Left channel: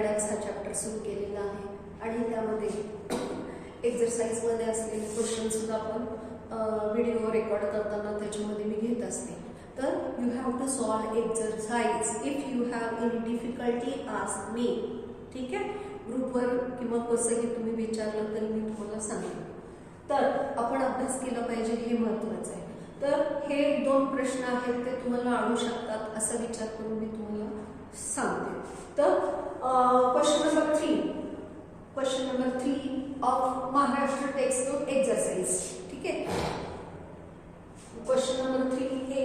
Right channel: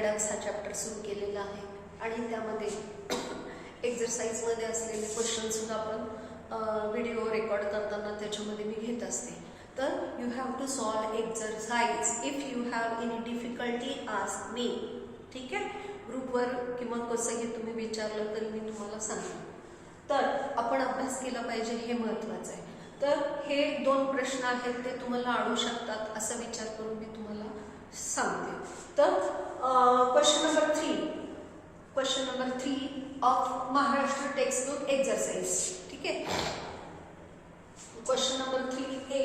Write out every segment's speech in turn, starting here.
Redox हा chapter सुरू केलेला आहे आणि त्यामध्ये एक्झरसाइजमध्ये असलेले क्वेश्चन सुद्धा आपण व्हिडिओ रेकॉर्ड करताना त्याच्यामध्ये मी घेत असते. तर you have to solve exercise. If you have any difficulty ask me. ठीक आहे, ग्रुपवर किंवा कसंही तुम्ही विचारलं तरी मी तुम्हाला सांगेन. तर आपण अभ्यास केला पाहिजे हे महत्त्वाचं आहे. तर हे 2 प्रश्न आहेत ते तुम्हाला आणू शकतात असा विचार करून मी तुम्हाला सांगते. तर question number 3 of Maharashtra textbook exercise. ठीक आहे, क्वेश्चन नंबर 3 हे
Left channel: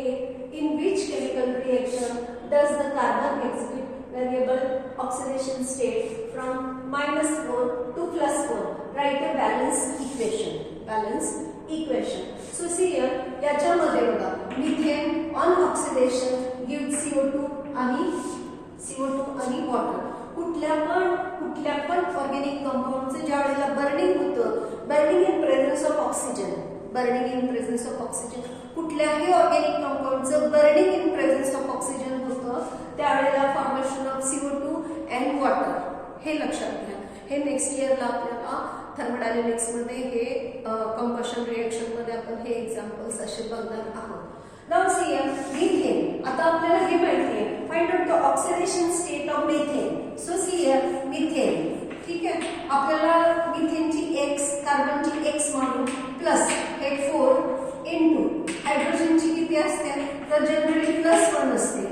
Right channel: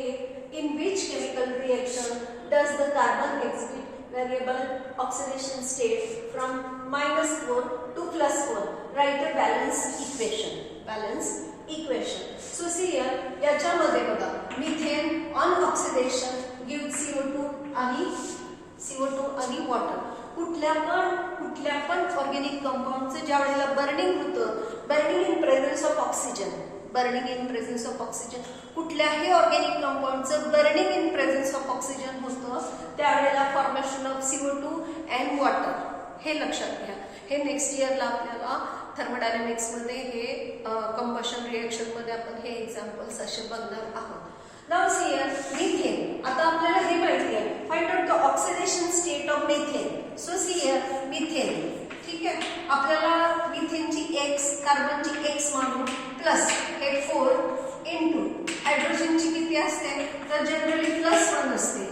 in which chemical reaction does the carbon exhibit variable oxidation state from -4 to +4. Write a balanced equation. So see here, याच्यामध्ये बघा methane on oxidation give CO2 आणि water. कुठल्या पण organic कंपाऊंडचं ज्या वेळेला बर्निंग होतं, burning in presence of oxygen, कुठल्याही organic कंपाऊंडचं burning in presence of oxygen होतं त्यावेळेला formation of CO2 and water. हे लक्षात घ्या. हे नेक्स्ट इयरला आपल्याला थर्मोडायनॅमिक्समध्ये हे कंबशन रिएक्शनमध्ये आपण हे एक्झाम्पल्स असे बघणार आहोत. Now see here methane. आता आपल्याला हे माहिती आहे, find out the oxidation state of methane. So see here methane. ठीक आहे, आपल्याला मिथेनची x, कार्बनची x मानू प्लस हे 4 इनटू हायड्रोजनची किती असते, तर जनरली +1 असते.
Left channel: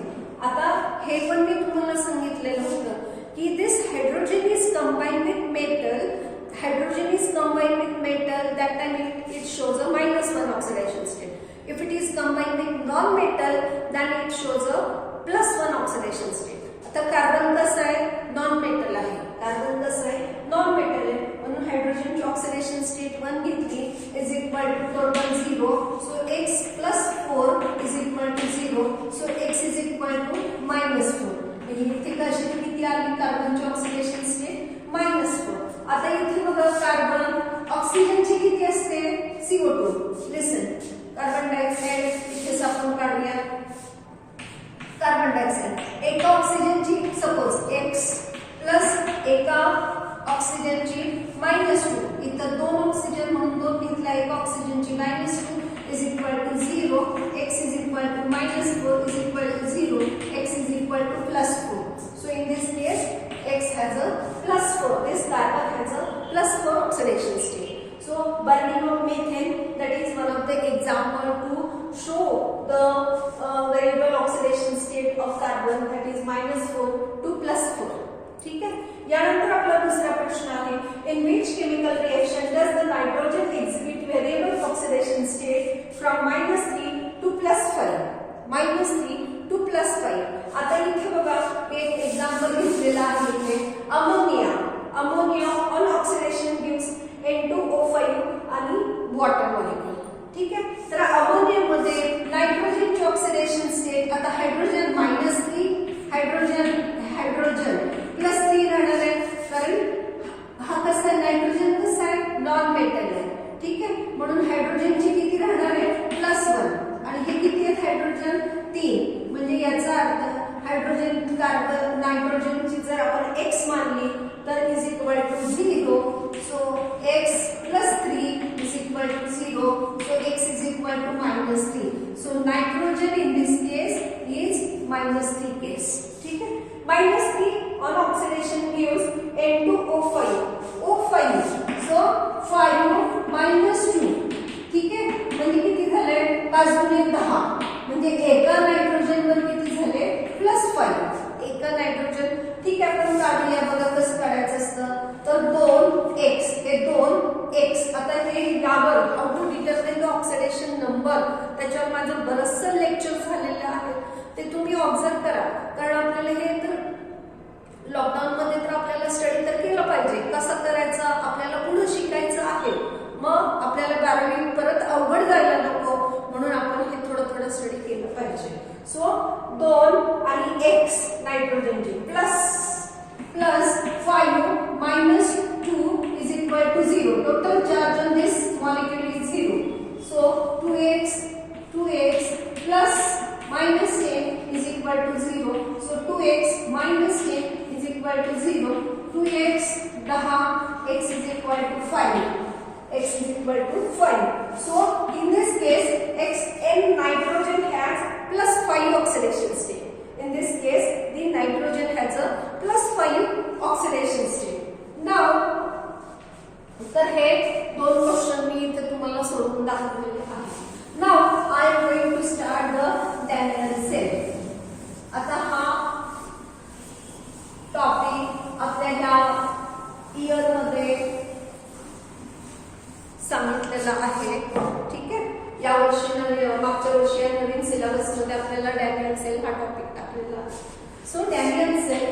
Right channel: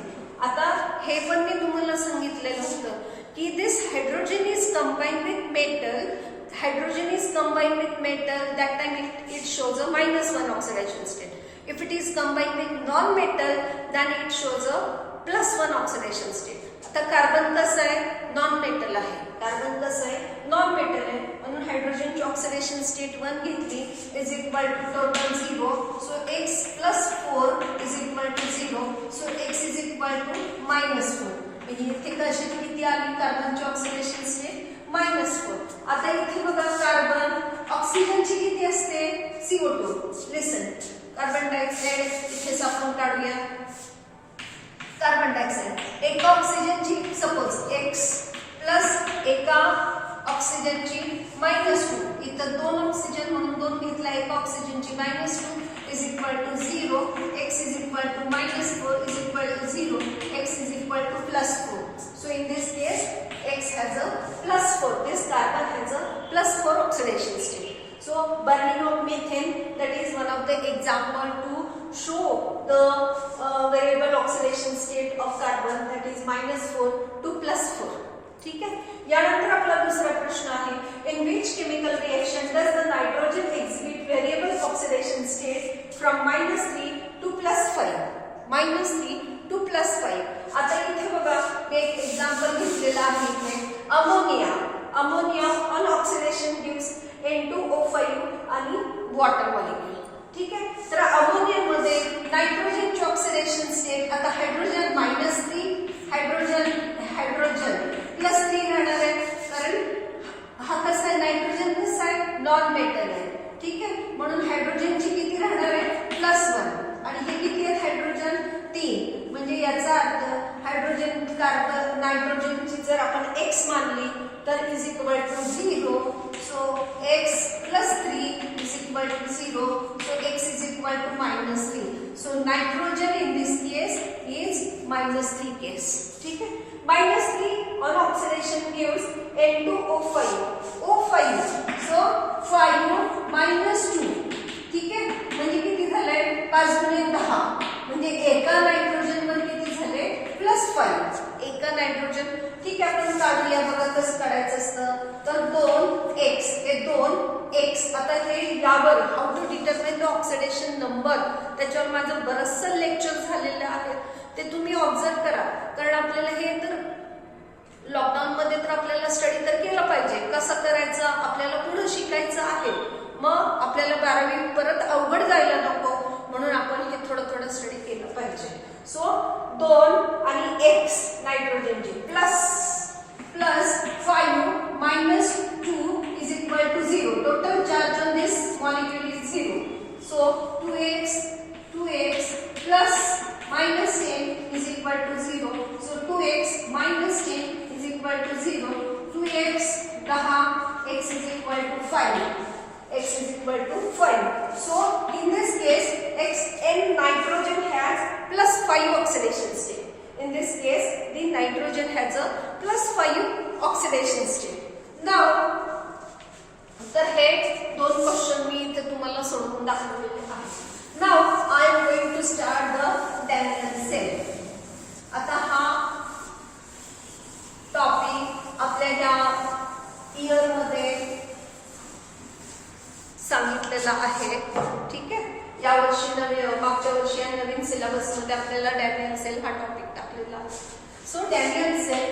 आता हे पण मी तुम्हाला सांगितलेलं होतं की this hydrogen is combined with metal. That time it shows a -1 oxidation state. If it is combined with non-metal, then it shows a +1 oxidation state. आता कार्बन कसं आहे, नॉन मेटल आहे. म्हणून हायड्रोजनची ऑक्सिडेशन स्टेट 1 घेतली is equal to total 0. So x + 4 is equal to 0. So x is equal to -4. म्हणजे इथे कशी किती आली कार्बनची ऑक्सिडेशन स्टेट -4. आता इथे बघा कार्बन ऑक्सिजनची किती असते, CO2. लिसन, कार्बन डायऑक्साइड इथेच आपण काढूया. कार्बन डायऑक्साइड एका ऑक्सिजनची सपोज x प्लस एका ऑक्सिजनची -2. इथं 2 ऑक्सिजन म्हणून 2 घेतला, एका ऑक्सिजनची -2 is equal to 0. x is equal to -4 is equal to 0. x is equal to +4. So in this case x has a +4. This carbon has a +4 oxidation state. So burning of methane, that is one of the example to show the variable oxidation state of carbon, that is -4 to +4. ठीक आहे. यानंतर आपला दुसरा प्रश्न आहे, in which chemical reaction does the nitrogen exhibit variable oxidation state from -3 to +5. -3 to +5. आता इथे बघा एक एक्झाम्पल घेतलेला आहे इथे ammonia on oxidation gives N2O5 आणि वॉटर मॉलिक्यूल. ठीक आहे, तर अमोनियामध्ये नायट्रोजनची ऑक्सिडेशन स्टेट, आता हायड्रोजन -3, हायड्रोजन +3 राहणार आहे. कारण हा कसा आहे, नायट्रोजन कसा आहे, नॉन मेटल आहे. ठीक आहे, म्हणून हायड्रोजनची किती राहणार आहे, +1 आणि हे किती आहेत हायड्रोजन 3. म्हणजे याचा अर्थ हायड्रोजन कार्बन नायट्रोजनची जर आपण x मानली तर is equal to 0. So x + 3 is equal to 0. So x is equal to -3. So nitrogen in this case is -3 case. ठीक आहे, -3 on oxidation gives N2O5. O5. So 5 - 2. ठीक आहे, म्हणजे किती झाले, 5 × 10. म्हणजे एका नायट्रोजन वर किती झाले, +5 एका नायट्रोजन. ठीक आहे, आपण काढूया. बघा कसं काढायचं असतं, तर 2x हे 2x. आता हे यावर how to determine the oxidation number, त्याच्यावर माझं बरंचसं लेक्चर झालेलं आहे, ते तुम्ही ऑब्झर्व करा. कारण आपल्याला हे तर लॉकडाऊन मध्ये तर आपल्याला स्टडी तर केलं पाहिजे. कसं करायचं आपल्याला पुढे शिकायचं आहे. मग आपल्याला 12वी परत अवघड जायला नको, म्हणून आपण हे थोडं स्टडी केलं पाहिजे. सो 2 आणि x नायट्रोजनची plus 5 - 2 is equal to 0. Total charge on this molecule is 0. So 2x plus -10 is equal to 0. So 2x - 10 is equal equal to 0, 2x 10, x is equal to 5. X is equal to 5. So in this case, N nitrogen has plus 5 oxidation state. In this case, the nitrogen has a plus 5 oxidation state. Now, तर हे दोन question मी इथे तुम्हाला सोडवून दाखवलेले आहेत. Now I am going to start the Daniell cell. आता हा टॉपिक आपल्या ह्या इयर मध्ये सांगितलेला आहे. ठीक आहे, या वर्षी मागच्या वर्षी नवीन सिलेबस मध्ये आपल्याला डॅनियल सेल हा टॉपिक टाकलेला आहे. So Daniell cell,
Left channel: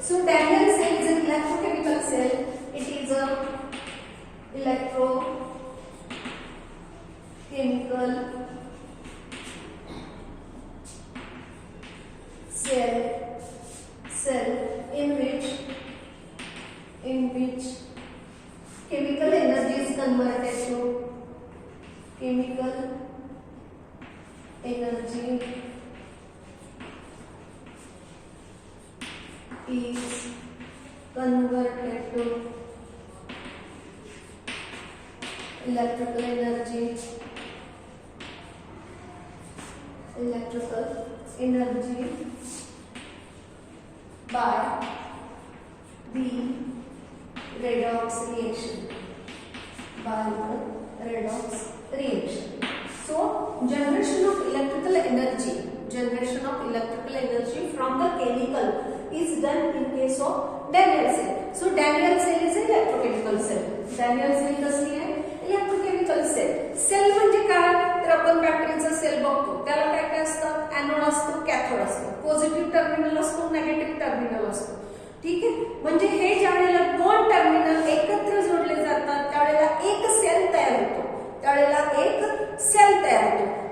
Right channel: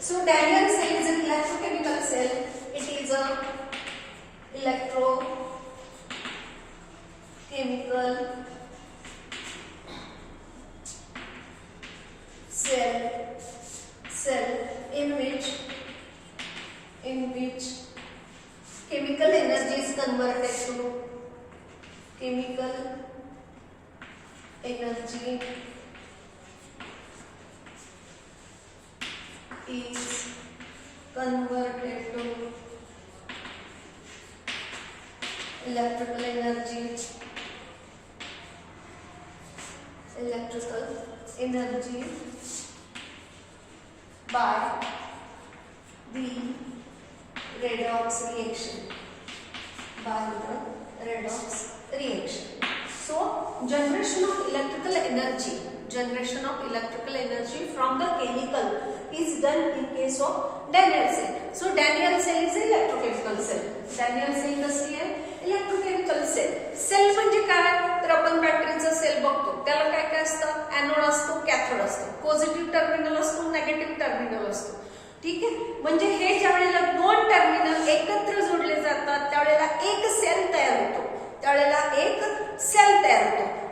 so Daniell cell is an electrochemical cell. It is a electrochemical cell in which chemical energy is converted to electrical energy by the redox reaction. So generation of electrical energy from the chemical is done in case of Daniell cell. So Daniell cell is an electrochemical cell. Daniell cell कसली आहे? Electrochemical sale. Sale म्हणजे काय? तर आपण बॅटरीचा sale बघतो, त्याला काय काय असतं? एनोड असतो, कॅथोड असतो, पॉझिटिव्ह टर्मिनल असतो, नेगेटिव्ह टर्मिनल असतो. ठीक आहे, म्हणजे हे ज्यावेळेला दोन टर्मिनल एकत्र जोडले जातात त्यावेळेला एक सेल तयार होतो.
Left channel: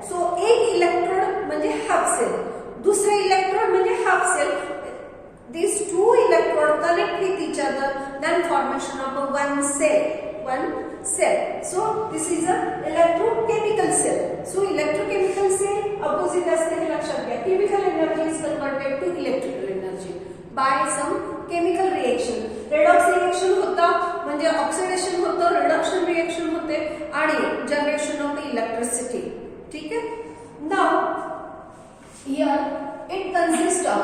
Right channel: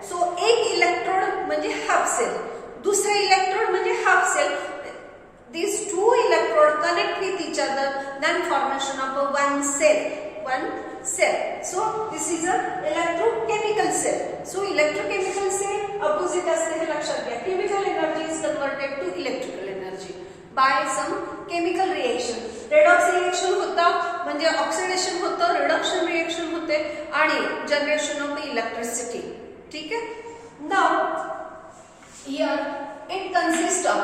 सो एक इलेक्ट्रोड म्हणजे हाफ सेल, दुसरा इलेक्ट्रोड म्हणजे half cell. These two electrodes connect with each other, then formation of one cell. So this is a electrochemical cell. So electrochemical cell opposite असते हे लक्षात घ्या. Chemical energy is converted to electrical energy by some chemical reaction. Redox reaction होता म्हणजे oxidation होतं, reduction reaction होते आणि generation of electricity. ठीक आहे. Now here it consists of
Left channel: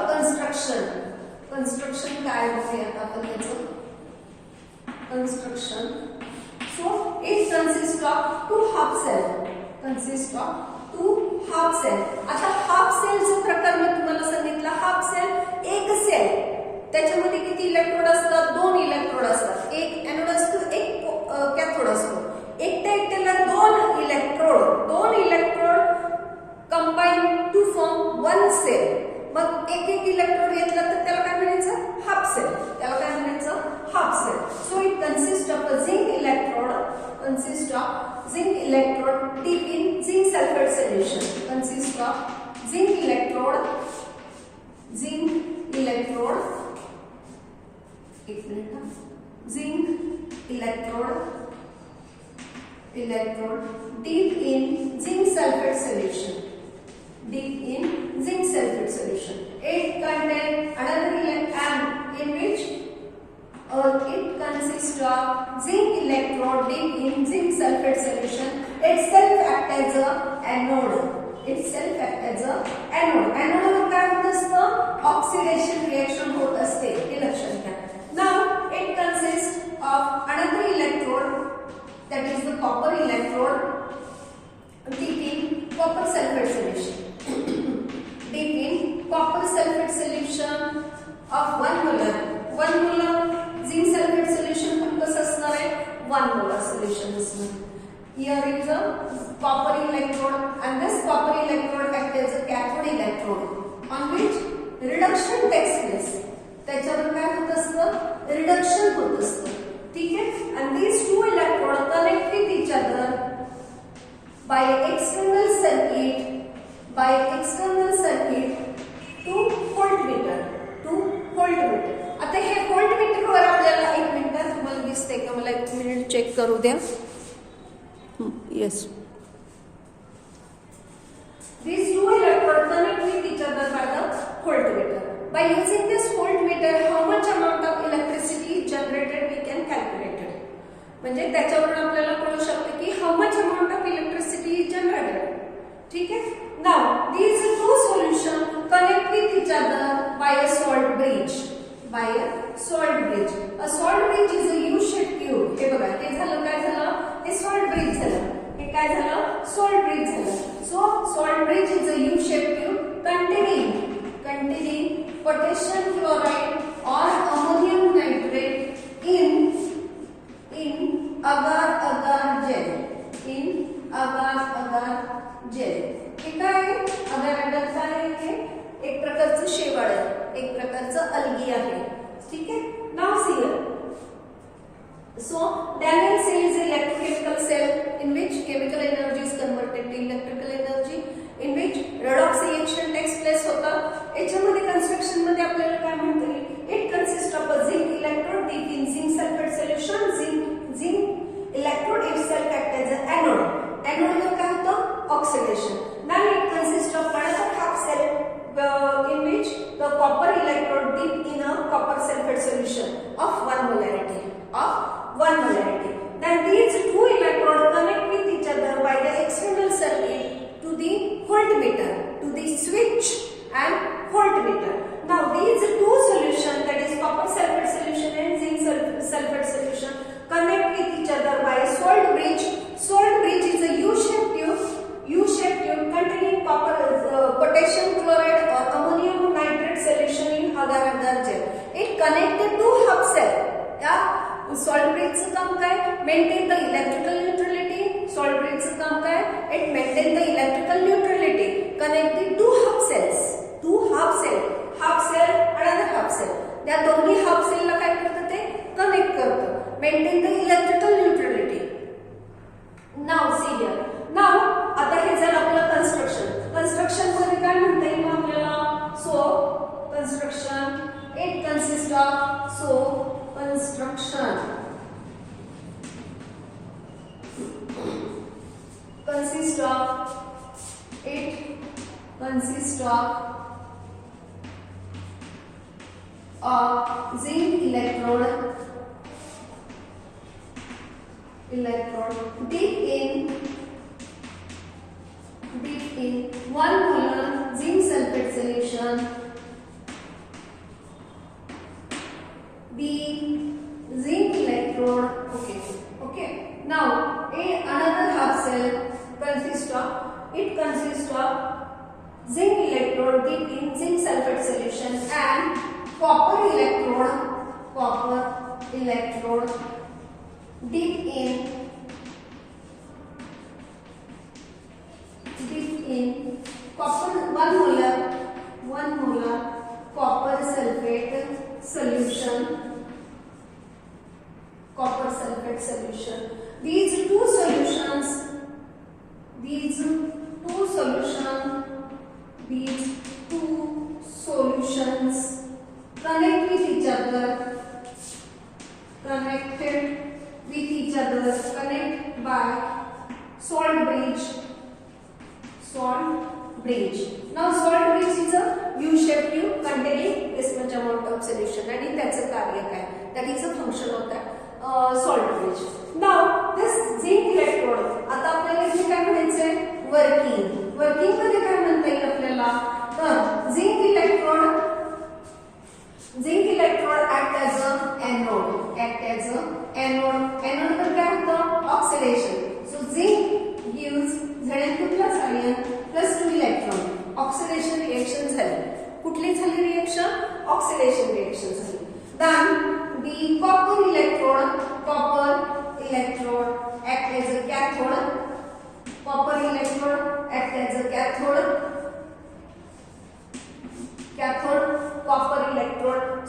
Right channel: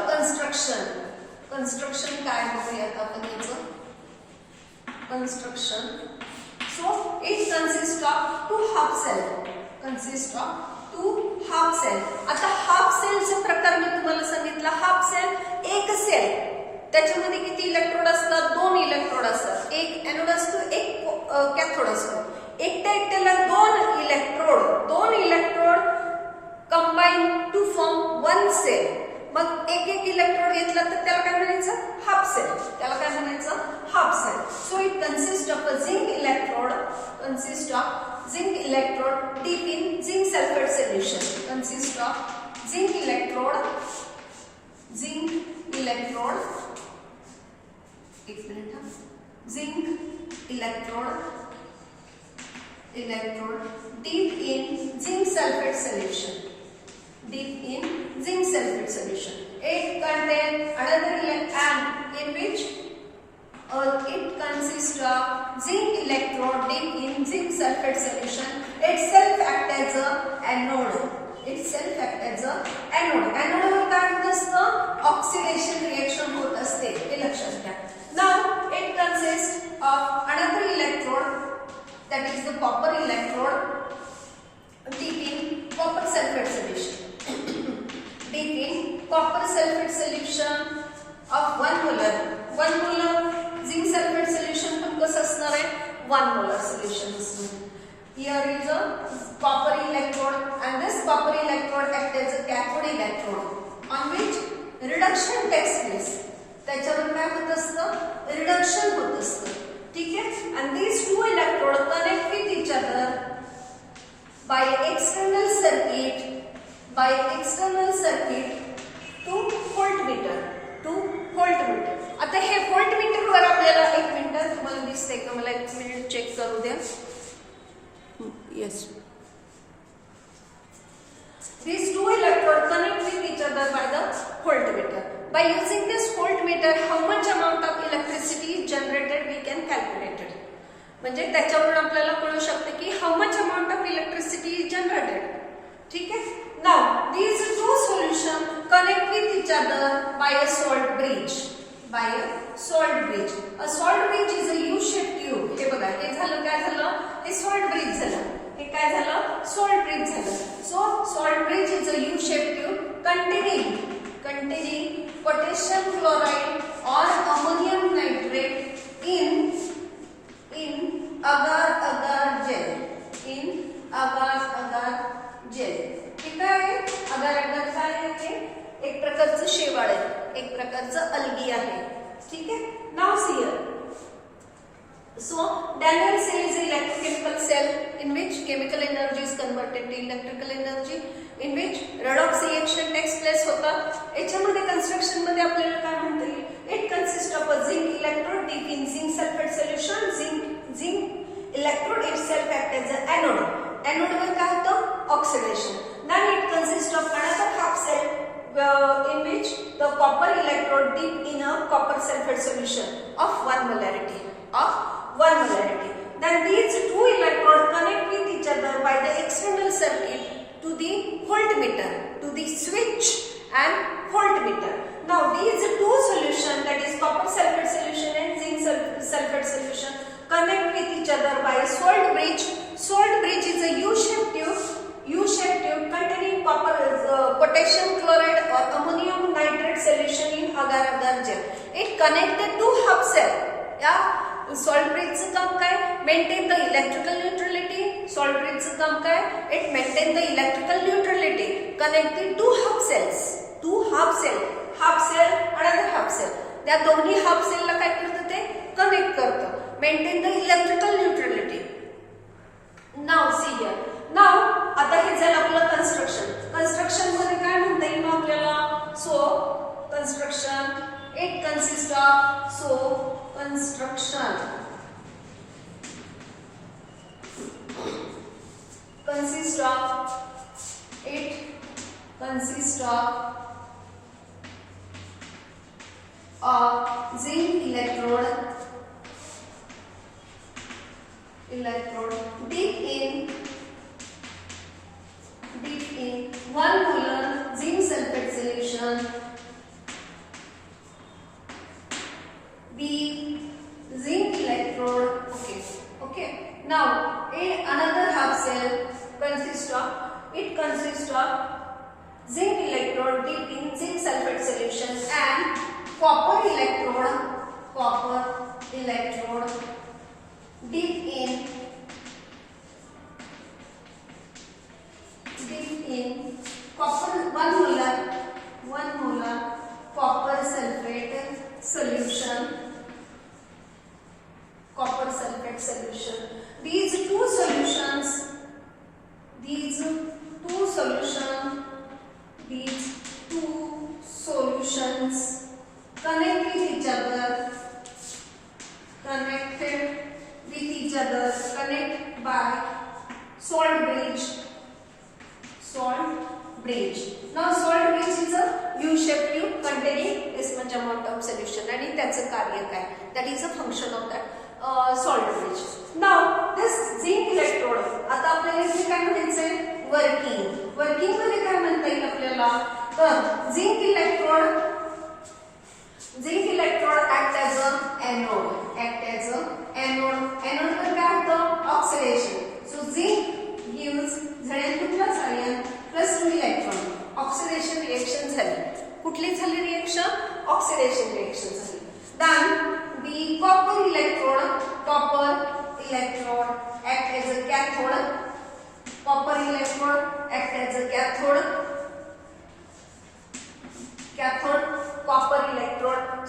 construction काय बघूया आपण याचं construction. So it consists of two half cell. आता हाफ सेलचा प्रकार मी तुम्हाला सांगितला. हाफ सेल एक सेल, त्याच्यामध्ये किती इलेक्ट्रोड असतात? दोन इलेक्ट्रोड असतात, एक एनोड असतो, एक कॅथोड असतो. एकट्याला दोन electrode combine to form one cell. मग एक इलेक्ट्रोड घेतला तर त्याला काय म्हणायचं? Half cell. So it consist of a zinc electrode deep in zinc sulfate solution. zinc electrode deep in zinc sulfate solution. It contains another electron in which it consists of zinc electrode deep in zinc sulfate solution. Itself act as a anode. Anode वर काय होत असतं? Oxidation reaction होत असते, हे लक्षात घ्या. Now it consists of another electrode, that is the copper electrode, deep in copper sulfate solution of 1 molar. 1 molar zinc sulfate solution पण कसं असणार आहे? 1 molar solution असणार. Here is a copper electrode and this copper electrode acts as a cathode electrode on which reduction takes place. त्याच्यावर काय होत असतं? Reduction होत असतं. ठीक आहे. And these two electrodes connect with each other by external circuit to voltmeter. आता हे voltmeter वर आपल्याला 1 मिनिट तुम्हाला दिसतंय का? मला 1 मिनिट चेक करू द्या. Yes. These two electrodes connect with each other by the voltmeter. by using this voltmeter how much amount of electricity is generated we can calculate it. म्हणजे त्याच्यावरून आपल्याला कळू शकते की how much amount of electricity is generated. ठीक आहे. Now these two solutions connect with each other by a salt bridge. By a salt bridge. A salt bridge is a U-shaped tube. हे बघा, हे झालं काय झालं? हे salt bridge झालं. हे काय झालं? salt bridge झालं. So salt bridge is a U-shaped tube containing potassium chloride or ammonium nitrate in agar-agar gel. In agar-agar gel. हे काय आहे? agar-agar काय आहे? हे एक प्रकारचं शेवाळ आहे, एक प्रकारचं अल्गी आहे. ठीक आहे. Now see here. So Daniell cell is an electrochemical cell in which chemical energy is converted to electrical energy, in which redox reaction takes place होता. याच्यामध्ये कन्स्ट्रक्शन मध्ये आपल्याला काय म्हणता येईल? It consists of a zinc electrode deep in zinc sulfate solution. Zinc electrode itself acts as an anode. Anode मध्ये काय होतं? Oxidation. Then it consists of another half cell in which the copper electrode dip in a copper sulfate solution of 1 molarity. Then these two electrodes connect with each other by the external circuit to the voltmeter, to the switch and voltmeter. Now these two solutions, that is copper sulfate solution and zinc sulfate solution, connect with each other by a salt bridge. Salt bridge is a U-shaped tube containing potassium chloride or ammonium nitrate solution in agar-agar gel. It connected to hub cell. Salt bridge चं काम काय? Maintain the electrical neutrality. Salt bridge चं काम काय? It maintain the electrical neutrality. Connected to hub cells. Hub cell, another hub cell. त्या दोन्ही hub cell ला काय करतं ते? Connect करतं. Maintain the electrical neutrality. Now see here. Now आता हे झालं आपलं construction मध्ये काय म्हणता येईल मग आपल्याला? So construction it consists of construction consists of a zinc electrode deep in 1 molar zinc sulfate solution. The zinc electrode, okay. Now another half cell consists of zinc electrode deep in zinc sulfate solution and copper electrode deep in copper 1 molar copper sulfate solution. These two solutions connect with each other by salt bridge. Now salt bridge is a U-shaped tube containing this much amount of solution आणि त्याचे कार्य काय? That is a function of that salt bridge. Now this zinc electrode, आता आपल्याला इथे काय म्हणायचंय? Working मध्ये काय म्हणता येईल आपल्याला? तर zinc electrode act as a anode. Anode मध्ये काय होतं? Oxidation. So zinc gives Zn2 plus ion plus 2 electron. Oxidation reaction झाली. कुठली झाली reaction? Oxidation reaction झाली. Then the copper electrode act as a cathode. Copper electrode.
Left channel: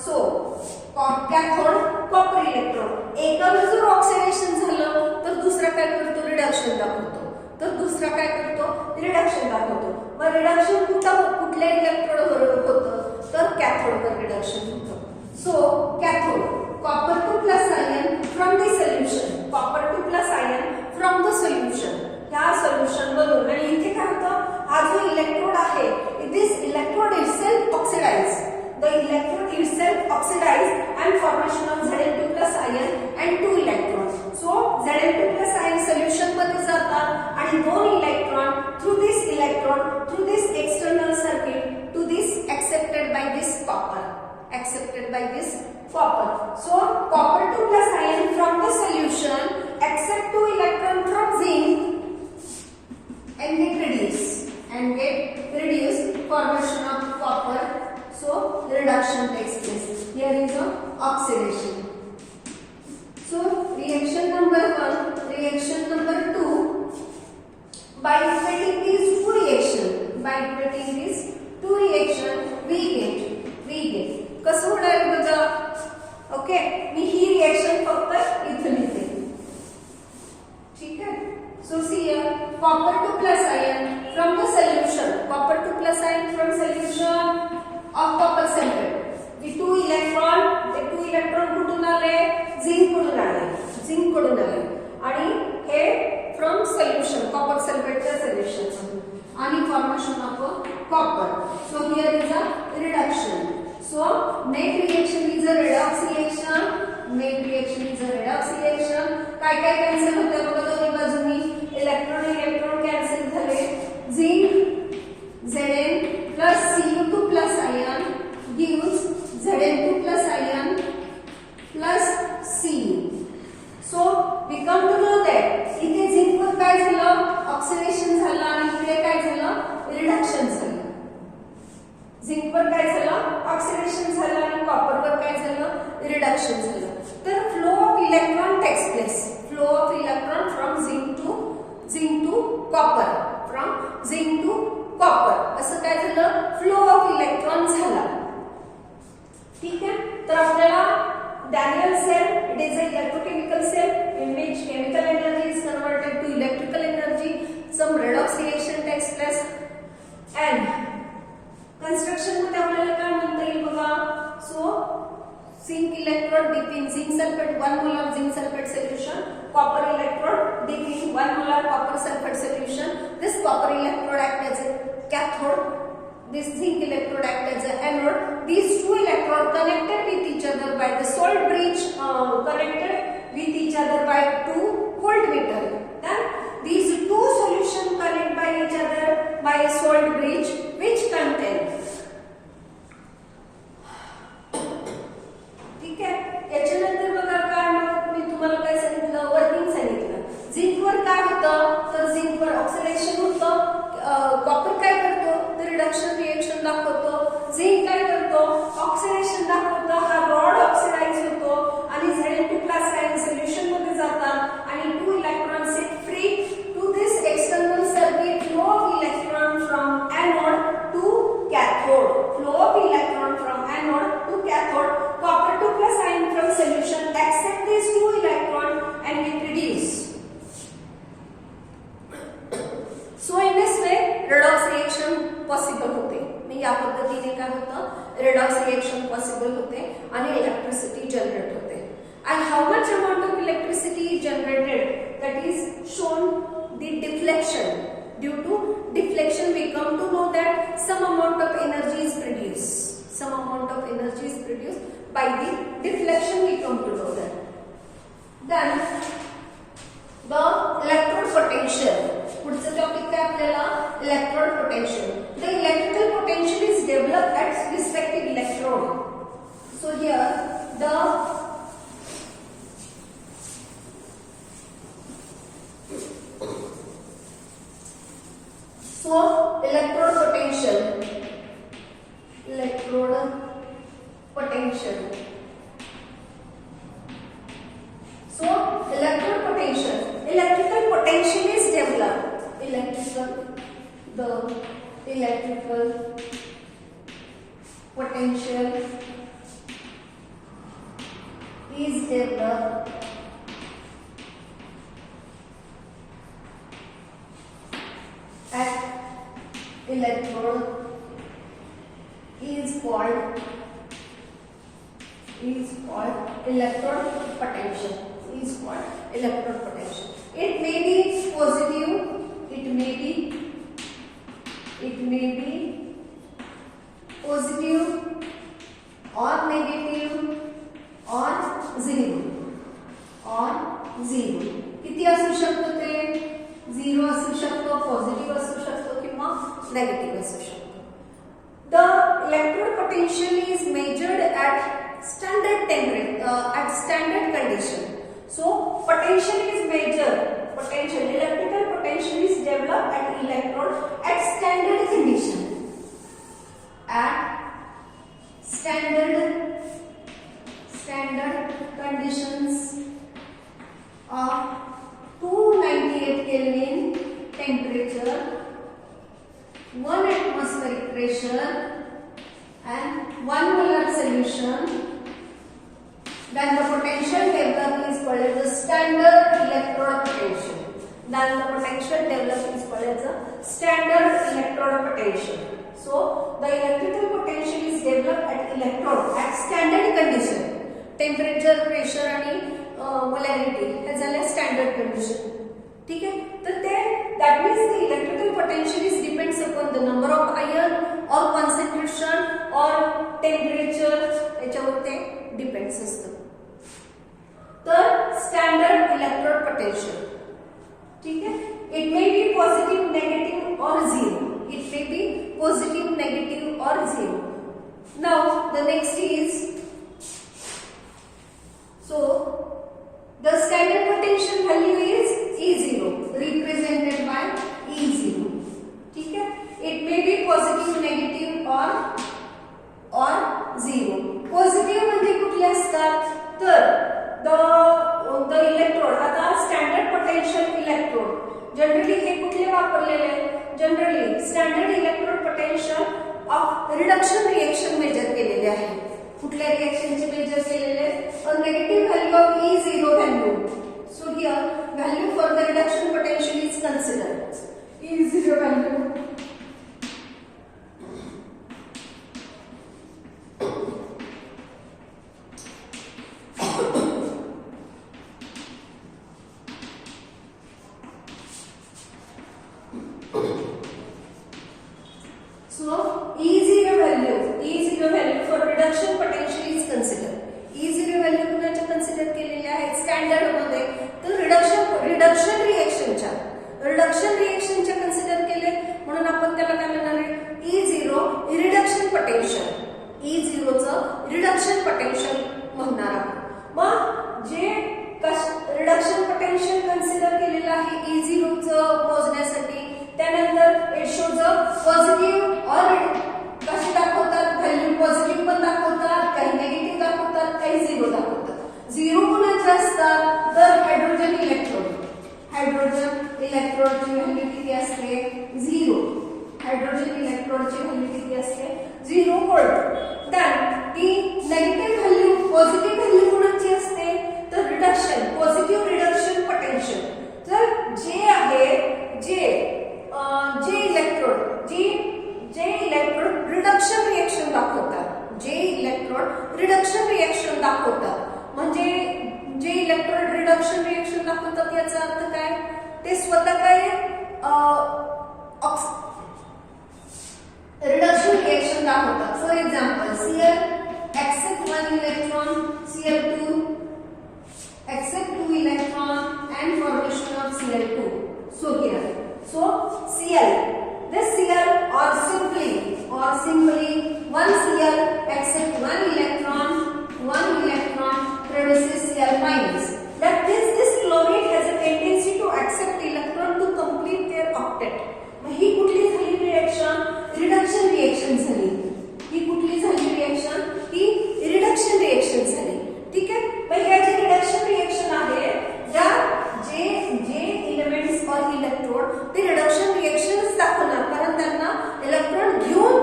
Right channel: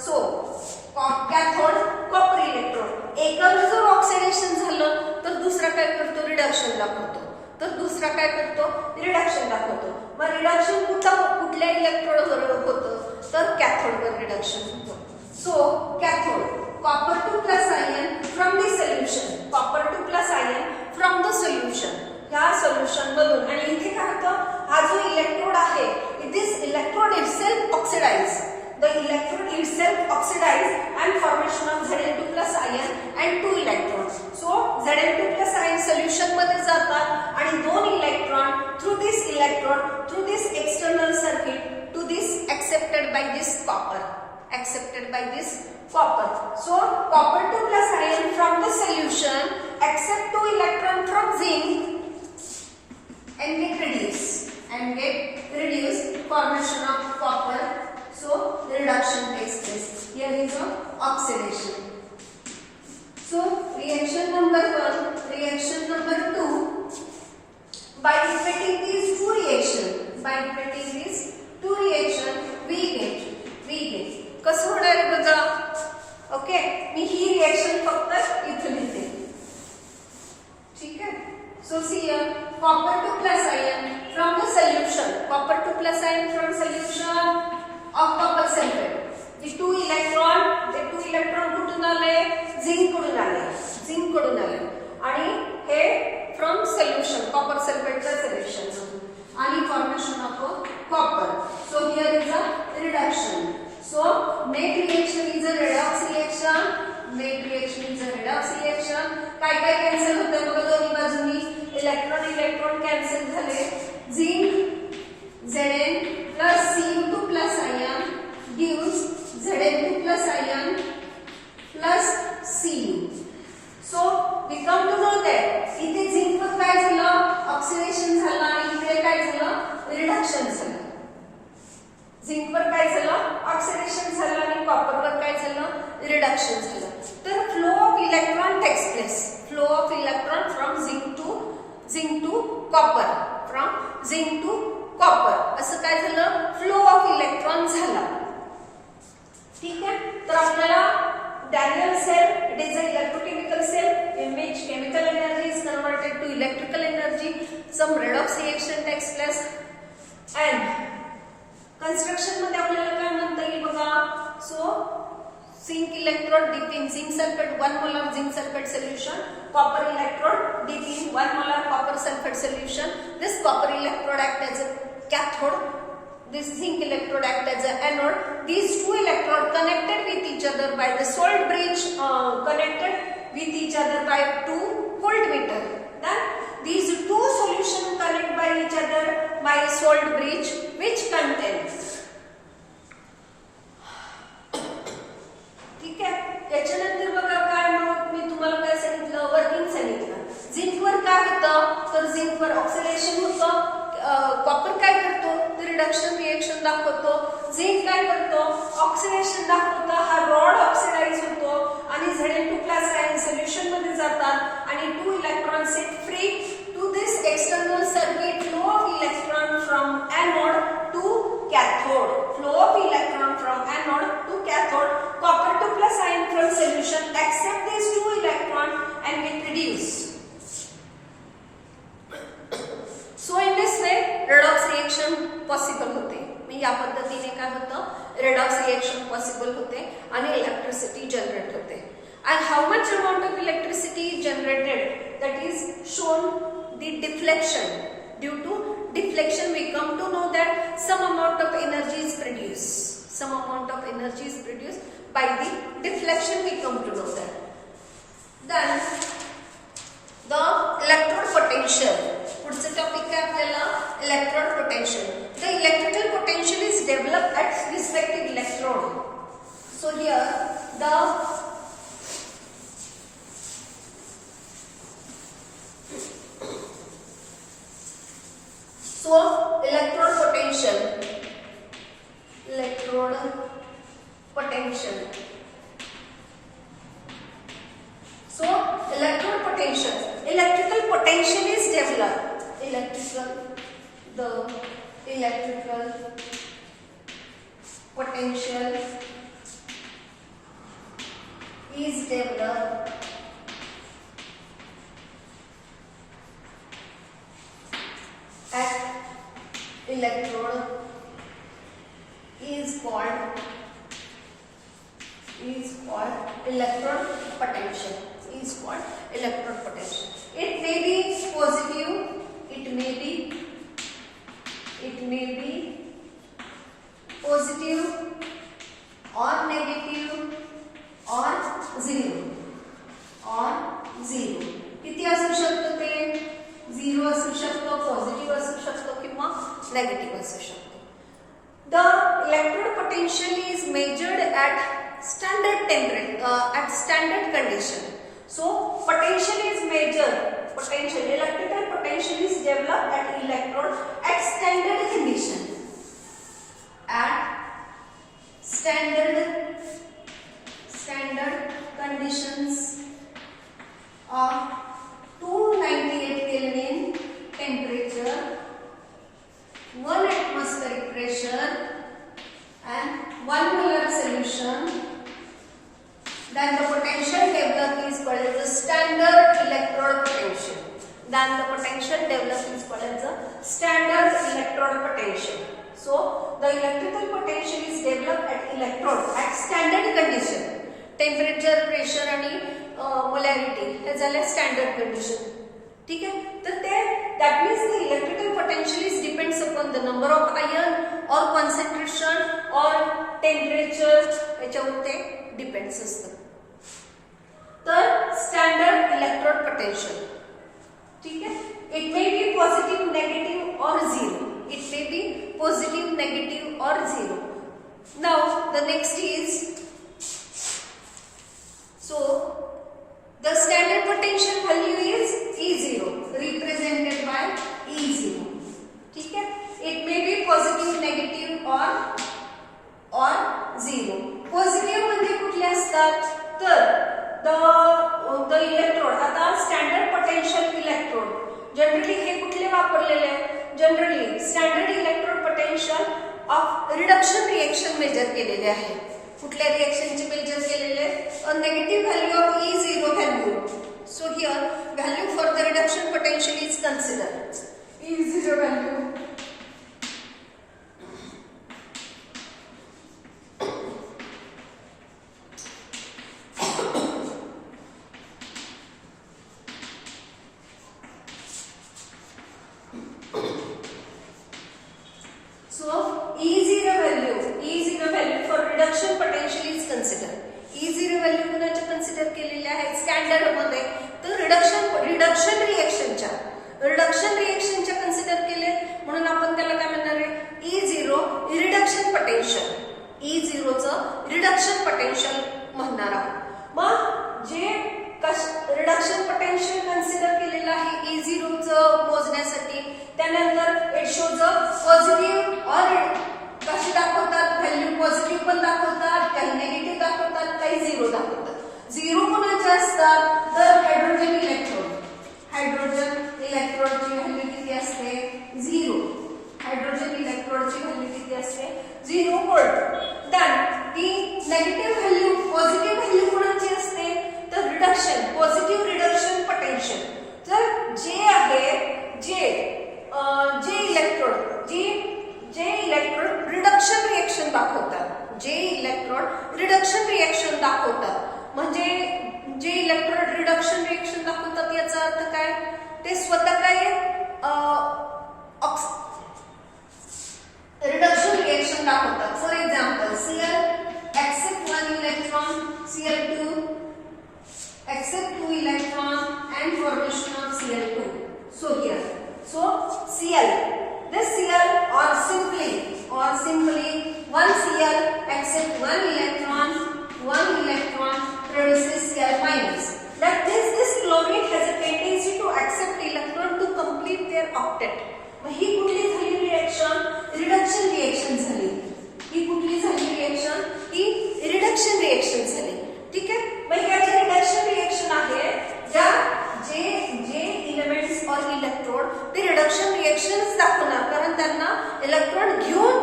So cathode copper electrode. एकावर जर oxidation झालं तर दुसरा काय करतो? रिडक्शन दाखवतो. मग रिडक्शन कुठल्या इलेक्ट्रोडवर होतं? तर कॅथोडवर रिडक्शन होतं. So cathode copper 2 plus ion from the solution. ह्या सोल्युशन मधून आणि इथे काय होतं? हा जो इलेक्ट्रोड आहे, this electrode itself oxidize. the electron itself oxidized and formation of Zn2 plus ion and 2 electrons. So Zn2 plus ion solution मध्ये जातात आणि 2 electron through this external circuit to this accepted by this copper. So copper 2 plus ion from the solution accept 2 electron from zinc and get reduced formation of copper. So reduction takes place. Here is a oxidation. So reaction number 1, reaction number 2. By equating these two reaction, we get कसं होणार बघा. Okay, मी ही reaction फक्त इथे लिहिते. ठीक आहे. So see here, copper 2 plus ion from the solution, copper 2 plus ion from solution of copper sulfate. The two electron कुठून आले? झिंक कडून आले आणि हे फ्रॉम सोल्युशन कॉपर सल्फेटच्या सोल्युशन आणि formation of copper. So here is a reduction. So make reaction is a redox reaction. काय cancel होतं बघा दोन्ही बाजूनी. इलेक्ट्रॉन कॅन्सल झाले. Zinc Zn plus Cu2 plus ion gives Zn2 plus ion plus Cu. So we come to know that इथे zinc वर काय झालं? ऑक्सिडेशन झालं आणि इकडे काय झालं? रिडक्शन झालं. झिंक वर काय झालं? ऑक्सिडेशन झालं आणि कॉपर वर काय झालं? रिडक्शन झालं. तर flow of electron takes place. Flow of electron from zinc to copper असं काय झालं? फ्लो ऑफ इलेक्ट्रॉन झाला. ठीक आहे. तर आपल्याला Daniell cell, it is an electrochemical cell in which chemical energy is converted to electrical energy. Some redox reaction takes place and construction मध्ये आपल्याला काय म्हणता येईल बघा. So zinc electrode dip in zinc sulfate 1 molar zinc sulfate solution, copper electrode dip in 1 molar copper sulfate solution. This copper electrode act as a cathode, this zinc electrode act as a anode. These two electrodes connected with each other by the salt bridge, connected with each other by 2 voltmeter. Then these two solutions connect by each other by a salt bridge which contains. ठीक आहे. याच्यानंतर बघा काय मग मी तुम्हाला काय सांगितलं? Working सांगितलं. झिंक वर काय होतं? तर झिंक वर ऑक्सिडेशन होतं. कॉपर काय करतो? तर रिडक्शन रिएक्शन दाखवतो. झिंक काय करतो? ऑक्सिडेशन दाखवतो. हा रॉड ऑक्सिडाइज होतो आणि Zn2 plus ion सोल्युशन मध्ये जातात आणि 2 electron set free to this external circuit. Flow of electron from anode to cathode. Flow of electron from anode to cathode. Copper 2 plus ion from solution accept these 2 electron and get reduced. So in this way redox reaction possible होते. या पद्धतीने काय होतं? redox reaction possible होते आणि electricity generate होते. And how much amount of electricity is generated? That is shown the deflection. Due to deflection we come to know that some amount of energy is produced. By the deflection we come to know that. Then the electrode potential. पुढचं topic काय आपल्याला? Electrode potential. The electrical potential is developed at respective electrode. So here the electrode potential. So electrical potential is developed. The electrical potential is developed at electrode is called electrode potential. It may be positive, it may be positive negative असू शकतो. The electrode potential is measured at standard temperature at standard condition. So potential is measured, potential, electrical potential is developed at electrode at standard condition, at standard conditions of 298 Kelvin temperature, 1 atmospheric pressure and 1 molar solution. Then the potential developed is called as the standard electrode potential. Then the potential developed is called as the standard electrode potential. So the electrical potential is developed at electrode at standard condition. Temperature, pressure आणि molarity हे झाले standard condition. ठीक आहे. तर ते that means the electrical potential is depends upon the number of ion or concentration or temperature याच्यावर ते depends असतं. तर स्टँडर्ड इलेक्ट्रोड पोटेन्शियल, ठीक आहे. It may be positive, negative और zero. It may be positive, negative और zero. Now the next is so the standard potential value is E0 represented by E0. ठीक आहे. It may be positive, negative और zero. Positive म्हणजे कुठले असतात तर the electrode, आता स्टँडर्ड पोटेन्शियल इलेक्ट्रोड जनरली हे कुठले वापरलेले आहे, generally standard electrode potential of reduction reaction measure केलेले आहे. कुठल्या रिएक्शनचे मेजर केलेले आहे, negative value of E0 value. So here value for the reduction potential is considered E0 value. So E0 value for reduction potential is considered. E0 value कुणाच्या consider केलेले आहेत standard मध्ये, तर रिडक्शन रिएक्शनच्या कन्सिडर केले म्हणून आपण त्याला काय म्हणणार आहे, E0 रिडक्शन पोटेन्शियल. E0 चं रिडक्शन पोटेन्शियल म्हणणार आहोत. मग जे रिडक्शन पोटेन्शियल कन्सिडर केलेलं आहे E0 चं मोजण्यासाठी, त्यानंतर इट शोज अ पॉझिटिव्ह और कसे दाखवतात, व्हॅल्यू पॉझिटिव्ह पण दाखवतात, काही नेगेटिव्ह दाखवतात, काही झिरो दाखवतात. झिरो कोणाचे असतात तर हायड्रोजन इलेक्ट्रोड. हायड्रोजन इलेक्ट्रोडची व्हॅल्यू किती असते, झिरो. हायड्रोजन इलेक्ट्रोडची व्हॅल्यू किती असते, 0 व्होल्ट. देन ती नेगेटिव्ह व्हॅल्यू, पॉझिटिव्ह व्हॅल्यू कोणाची असते तर रिडक्शन, पॉझिटिव्ह रिडक्शन पोटेन्शियल. तर जे आहे जे इलेक्ट्रोड रिडक्शन रिएक्शन दाखवतात, जे इलेक्ट्रोड रिडक्शन रिएक्शन दाखवतात, म्हणजे जे इलेक्ट्रोड रिडक्शन रिएक्शन दाखवतात याचा अर्थ काय, ते स्वतः काय रिडक्शन रिएक्शन दाखवतात. For example Cl accept 1 electron, Cl2 accept 2 electron and formation of Cl2. So here, so Cl, this Cl or simply 1 Cl accept 1 electron produces Cl minus. That means this chlorine has a tendency to accept electron to complete their octet. मग ही कुठली झाली reaction, reduction reaction झाली. ही कुठली झाली reaction, ही reduction reaction झाली. ठीक आहे. मग ह्या जे रिडक्शन रिएक्शन आहे, ज्या जे एलिमेंट्स और इलेक्ट्रोड ते रिडक्शन रिएक्शनच दाखवणार, कारण त्यांना इलेक्ट्रॉन घेऊन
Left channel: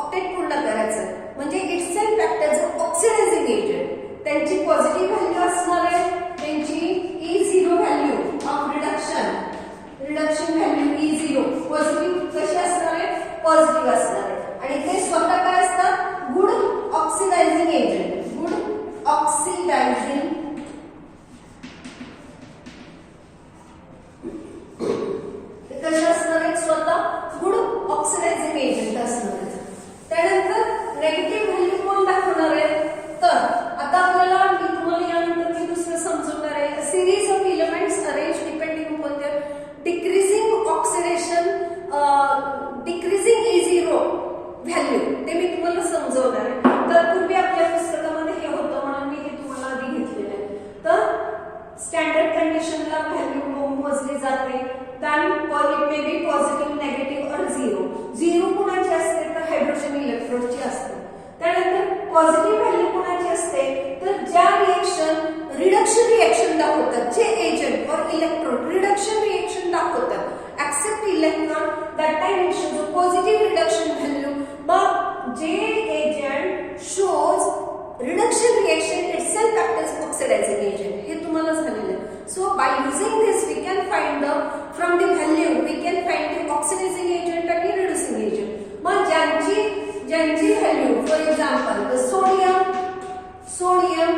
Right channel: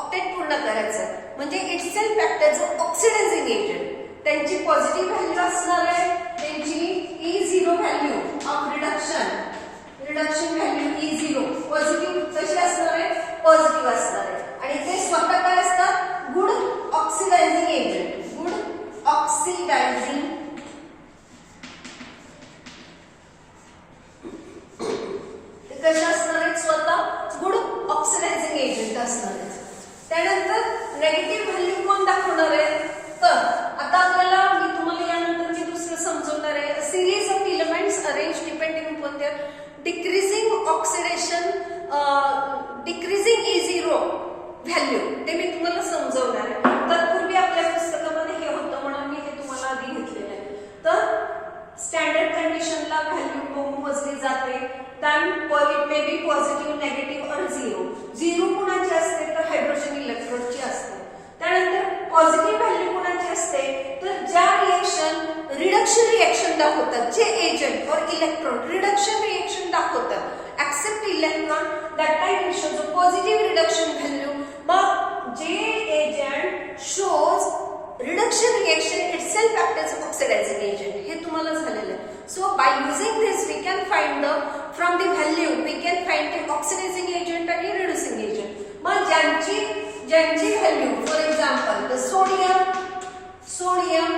ऑक्टेट पूर्ण करायचं, म्हणजे it's self act as a oxidizing agent. त्यांची पॉझिटिव्ह व्हॅल्यू असणार आहे, त्यांची E0 value of reduction value E0 positive कशी असणार आहे, पॉझिटिव्ह असणार आहे. आणि ते स्वतः काय असतात, good oxidizing agent. Good oxidising कशा असणार आहेत, स्वतः गुड ऑक्सिडायझिंग एजंट असणार आहेत. त्यानंतर नेगेटिव्ह व्हॅल्यू कोण दाखवणार आहे, तर आता आपल्याला मी तुम्हाला यानंतर मी दुसरं समजवणार आहे. Series of elements arrange depending upon their decreasing oxidation decreasing E0 value ते मी तुम्हाला समजवणार आहे. तत्पूर्वी आपल्या पुस्तकामध्ये हे होतं म्हणून मी हे तुम्हाला आधी घेतलेलं आहे. तर स्टँडर्ड कंडिशनला व्हॅल्यू मोजली जाते. then it may be positive, negative or zero. Zero कुणाची असते तर हायड्रोजन इलेक्ट्रोडची असते. त्यानंतर पॉझिटिव्ह व्हॅल्यू कुणाची असते तर ज्या रिएक्शन रिडक्शन रिएक्शन दाखवतात, जे एजंट और इलेक्ट्रोड रिडक्शन रिएक्शन दाखवतात, except electron that time shows a positive reduction value. But J agent shows reduction reaction itself acts as oxidizing agent. हे तुम्हाला झालेलं आहे. So by using this we can find the from the value we can find the oxidizing agent and the reducing agent. मग ज्यांची value for example the sodium